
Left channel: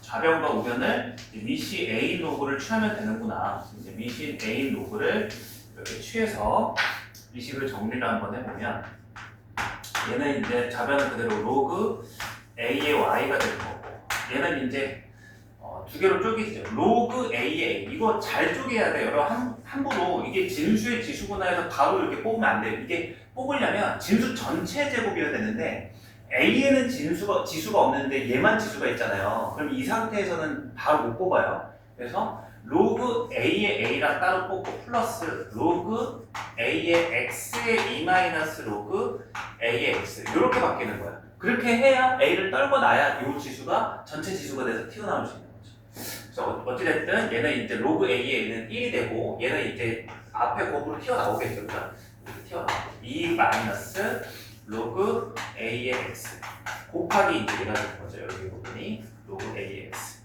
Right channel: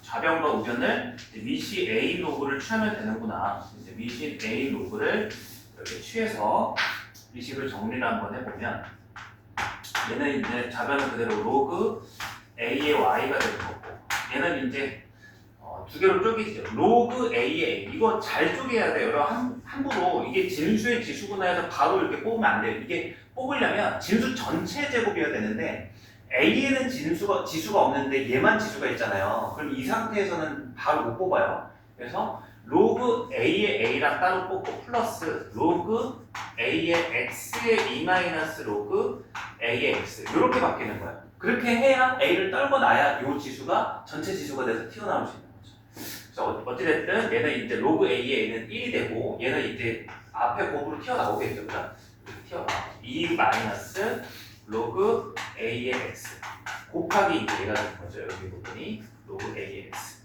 좌변과 우변을 위시 a 로그를 취하면 되는구나. 이제 위시 a 로그를 이렇게 취해서 위식을 정리를 한번 해보면 얘는 이제 좌변은 그대로 로그 a의 y가 될 거고 얘는 이제 두 개로 쪼개지죠. 로그 a의 a 이거 잘 쪼개야 돼요. 여러분 함부로 이게 진수의 지수구나 해서 바로 이렇게 뽑으면 안 돼요. 이게 뽑으려면 진수 전체 제곱이어야 되는데 a에는 지수가 없는데 얘만 지수가 있잖아요. 그럼 이 상태에서는 바로 못 뽑아요. 그래서 로그 a의 a랑 따로 뽑고 플러스 로그 a의 x의 2 마이너스 로그 a의 x 이렇게 바뀌는 거예요. 그렇게 해야 a를 떨궈 놔야 이 지수가 전체 지수가 돼서 튀어나올 수 있는 거죠. 그래서 어찌됐든 얘는 이제 로그 a의 a는 1이 되고 얘는 이제 앞에 곱으로 튀어나오겠죠. 이렇게 튀어나오고 2 마이너스 로그 a의 x 곱하기 이제 얘가 되는 거죠. 여기 부분이 로그 a의 x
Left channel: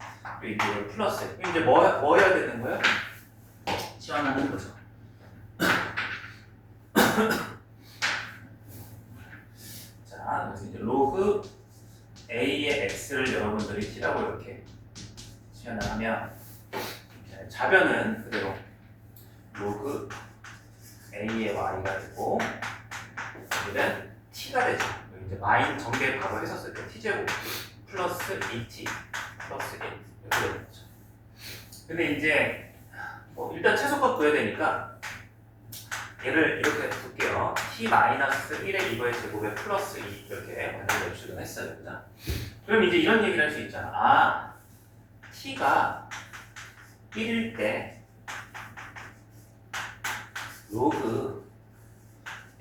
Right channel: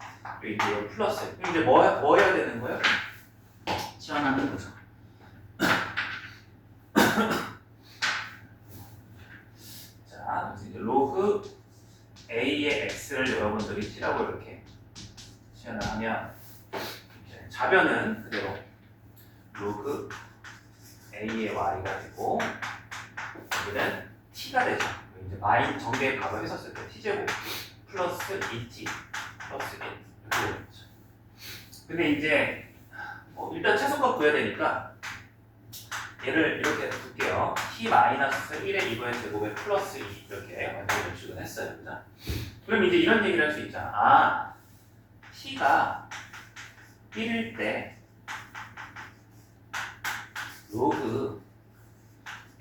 여기 이제 플러스 이제 뭐 해야 되는 거예요? 치환하는 거죠. 자, 그래서 이제 로그 a의 x를 여러분들이 t라고 이렇게 치환을 하면 좌변은 그대로 로그 a의 y가 되고 여기는 t가 되죠. 이제 마인 전개 바로 했었을 때 t제곱 플러스 2t 플러스 1 이렇게 되는 거죠. 근데 이제 뭐 일단 최소값 구해야 되니까 얘를 이렇게 둘게요. t-1의 이거의 제곱에 플러스 2 이렇게 완전 연출을 했어요. 그럼 이제 이런 얘기를 할 수 있잖아. t가 1일 때 로그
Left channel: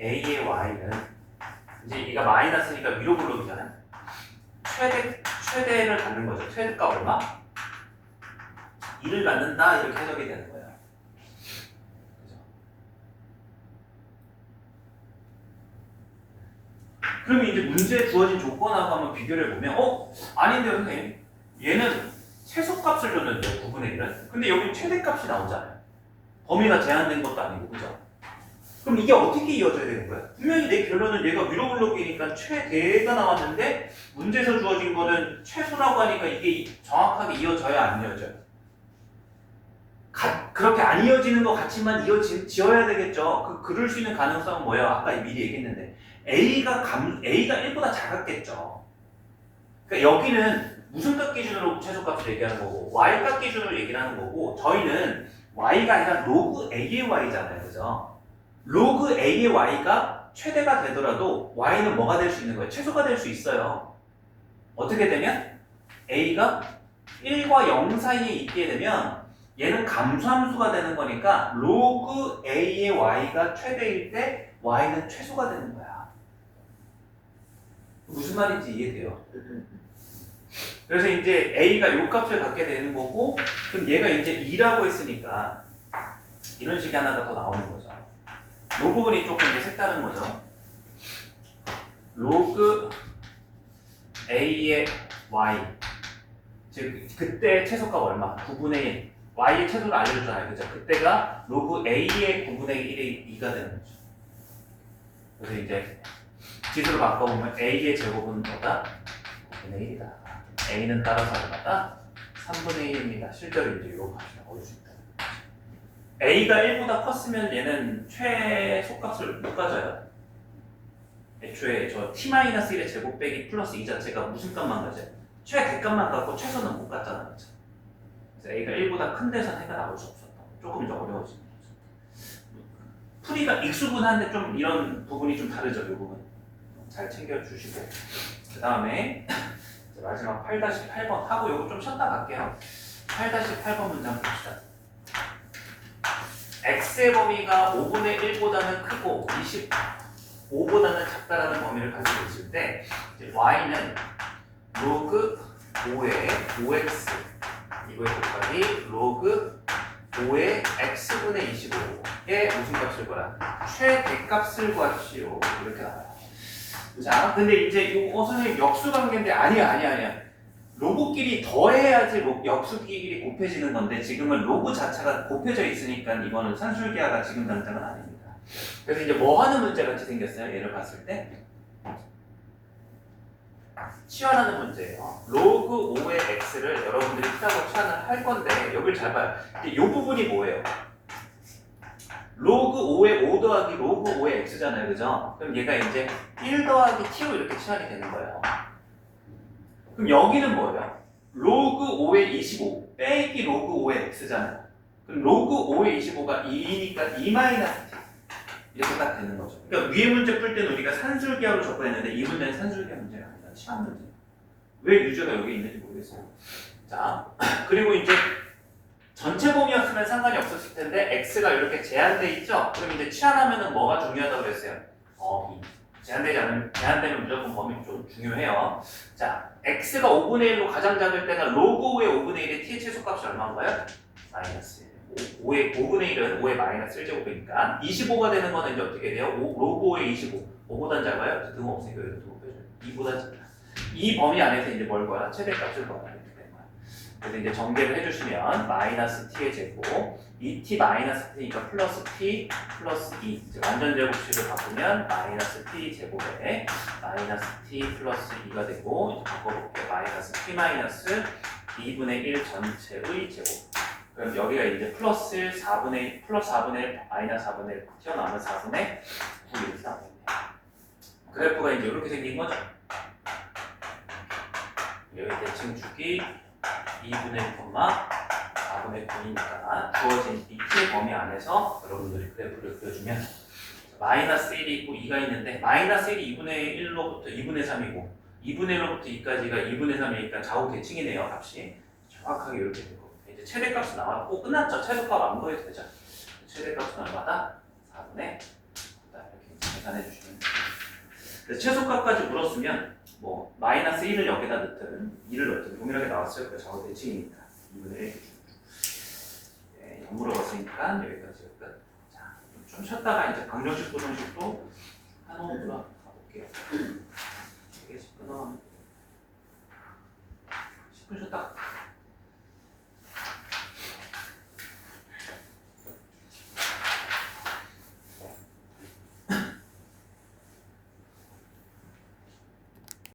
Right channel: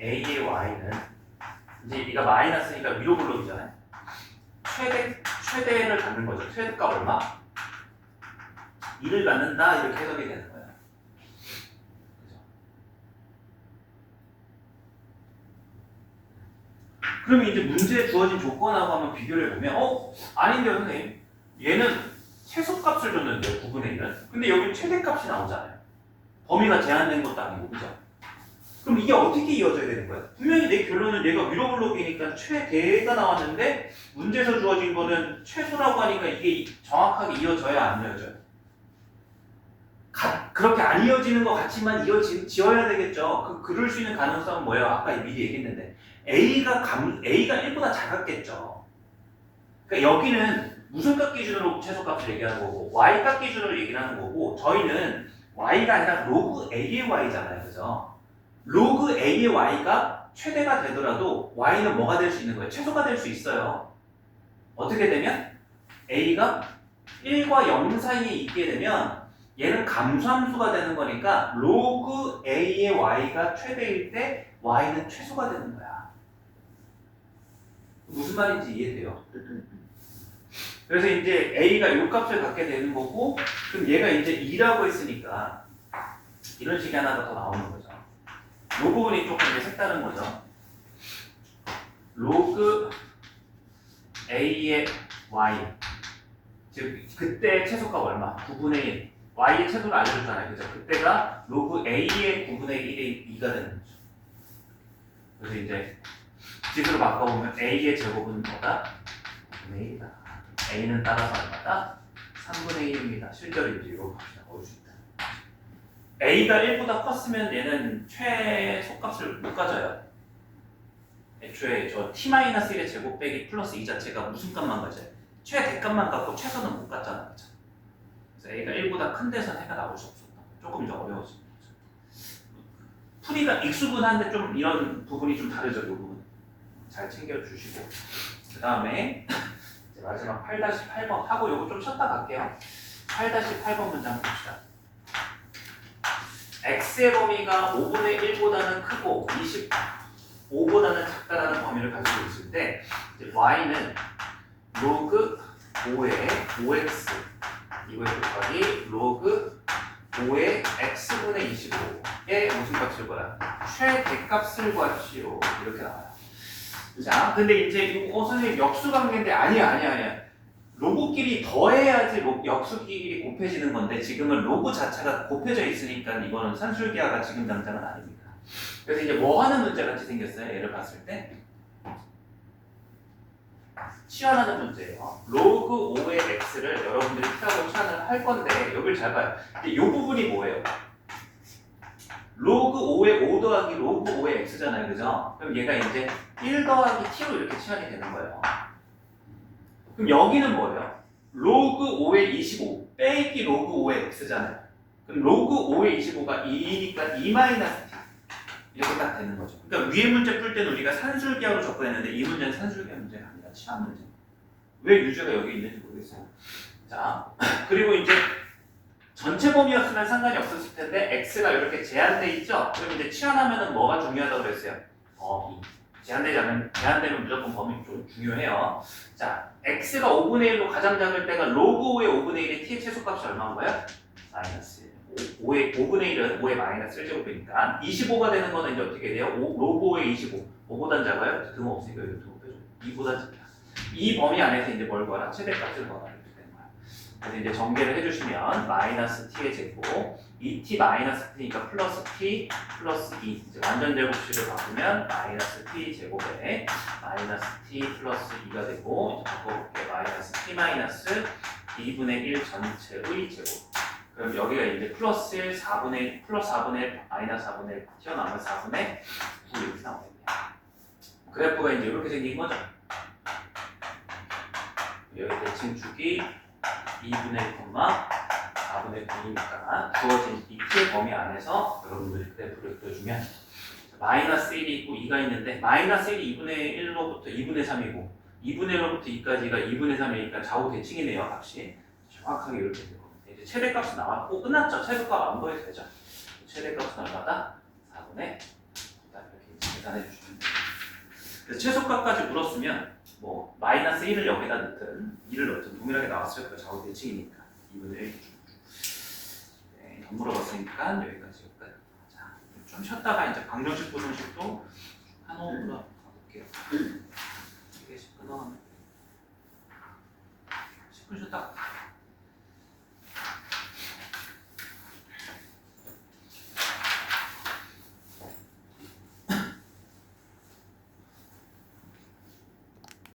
a의 y는 이제 얘가 마이너스니까 위로 블록이잖아요. 최대를 갖는 거죠. 최대값 얼마? 2를 갖는다 이렇게 해석이 되는 거예요. 그죠? 그러면 이제 문제에 주어진 조건하고 한번 비교를 해보면 아닌데요 선생님 얘는 최소값을 줬는데요 9분의 1은 근데 여기 최대값이 나오잖아요. 범위가 제한된 것도 아니고 그죠? 그럼 이게 어떻게 이어져야 되는 거야? 분명히 내 결론은 얘가 위로 블록이니까 최대가 나왔는데 문제에서 주어진 거는 최소라고 하니까 이게 정확하게 이어져야 안 이어져요? 그렇게 안 이어지는 것 같지만 지어야 되겠죠. 그럴 수 있는 가능성은 뭐예요? 아까 미리 얘기했는데 A가 1보다 작았겠죠. 그러니까 여기는 무슨 값 기준으로 최소값을 얘기하는 거고 Y 값 기준으로 얘기를 하는 거고 저희는 Y가 아니라 로그 A의 Y잖아요. 그죠? 로그 A의 Y가 최대가 되더라도 Y는 뭐가 될 수 있는 거예요? 최소가 될 수 있어요. 어떻게 되면? A가 1과 0 사이에 있게 되면 얘는 감소함수가 되는 거니까 로그 A의 Y가 최대일 때 Y는 최소가 되는 거야. 무슨 말인지 이해돼요? 그래서 이제 A가 요 값을 갖게 되는 거고 그럼 얘가 이제 2라고 했으니까 이런 식이 하나가 더 나오는 거죠. 이 부분이 조금 이제 색다른 거죠. 로그 A의 Y 즉 그때 최소값 얼마? 9분의 1 Y의 최소를 알려줬잖아요. 그죠? 그때가 로그 A의 9분의 1이 2가 되는 거죠. 그래서 이제 지수로 바꿔보면 A의 제곱은 뭐다? 5분의 1이다. A는 따라서 얼마다? 3분의 1입니다. 실제로 이제 이거 값이 나올 수 있다. A가 1보다 컸으면 얘는 최소값을 못 가져요. 애초에 저 t-1의 제곱 빼기 플러스 이 자체가 무슨 값만 가져요? 최대값만 갖고 최소는 못 갖잖아. 그쵸? 그래서 A가 1보다 큰 데서는 해가 나올 수 없었다. 조금 더 어려워진 거죠. 풀이가 익숙은한데 좀 이런 부분이 좀 다르죠. 이 부분 잘 챙겨주시고 그 다음에 마지막 8-8번 하고 요거 좀 쉬었다 갈게요. 8-8번 문장 봅시다. x의 범위가 5분의 1보다는 크고 25보다는 작다라는 범위를 가지고 있을 때 이제 y는 로그 5의 5x 이거의 곱하기 로그 5의 x분의 25의 무슨 값을 구하라? 최대값을 구하시오. 이렇게 나와요. 자, 근데 이제 선생님 역수 관계인데 아니야. 로그끼리 더해야지 역수끼리 곱해지는 건데 지금은 로그 자체가 곱해져 있으니까 이거는 산술기하가 지금 당장은 아닙니다. 그래서 이제 뭐 하는 문제 같이 생겼어요? 얘를 봤을 때 치환하는 문제예요. 로그 5의 x를 여러분들이 T라고 치환을 할 건데 여기를 잘 봐요. 이 부분이 뭐예요? 로그 5의 5 더하기 로그 5의 x잖아요. 그죠? 그럼 얘가 이제 1 더하기 t로 이렇게 치환이 되는 거예요. 그럼 여기는 뭐예요? 로그 5의 25 빼기 로그 5의 x잖아요. 그럼 로그 5의 25가 2니까 2 마이너스 t 이렇게 딱 되는 거죠. 그러니까 위에 문제 풀 때는 우리가 산술기하로 접근했는데 이 문제는 산술기하 문제가 아니라 치환 문제. 왜 유죄가 여기 있는지 모르겠어요. 자, 그리고 이제 전체 범위였으면 상관이 없었을 텐데 x가 이렇게 제한돼 있죠? 그럼 이제 치환하면은 뭐가 중요하다고 그랬어요? 범위. 제한되면 무조건 범위 좀 중요해요. 자, x가 5분의 1로 가장 작을 때가 로그 5의 5분의 1의 t의 최소값이 얼마인가요? 마이너스 1. 5분의 1은 5의 마이너스 1제곱이니까 25가 되는 거는 이제 어떻게 돼요? 로그 5의 25. 5보단 작아요? 등호없으니까 여기 등호빼죠. 2보단 작다. 이 범위 안에서 이제 뭘 구하라? 최대값을 구하라. 이렇게 되는 거야. 그래서 이제 전개를 해주시면 마이너스 t의 제곱 2t 마이너스 t니까 플러스 t 플러스 2 이제 완전 제곱식을 바꾸면 마이너스 t 제곱에 마이너스 t 플러스 2가 되고 이제 바꿔볼게요. 마이너스 t 마이너스 2분의 1 전체의 제곱. 그럼 여기가 이제 플러스 4분의 플러스 4분의 1 마이너스 4분의 1 튀어나오면 4분의 9 이렇게 나오겠네요. 그래프가 이제 이렇게 생긴 거죠. 여기 대칭축이 2분의 1, 4분의 9이니까 주어진 이 t의 범위 안에서 여러분들이 그래프를 그려주면 마이너스 1이 있고 2가 있는데 마이너스 1이 2분의 1로부터 2분의 3이고 2분의 1로부터 2까지가 2분의 3이니까 좌우 대칭이네요. 값이 정확하게 이렇게 될 겁니다. 이제 최대값이 나왔고 끝났죠. 최소값 안 보여도 되죠. 최대값은 얼마다? 4분의 9다. 이렇게 계산해 주시면 됩니다. 그래서 최소값까지 물었으면 뭐 마이너스 1을 여기다 넣든 2를 넣든 동일하게 나왔어요. 그 좌우 대칭이니까 2분의 1 네, 안 물어봤으니까 여기까지 끝. 자, 좀 쉬었다가 이제 방정식 부정식도 한 호흡으로 가볼게요. 이게 10분 쉬었다.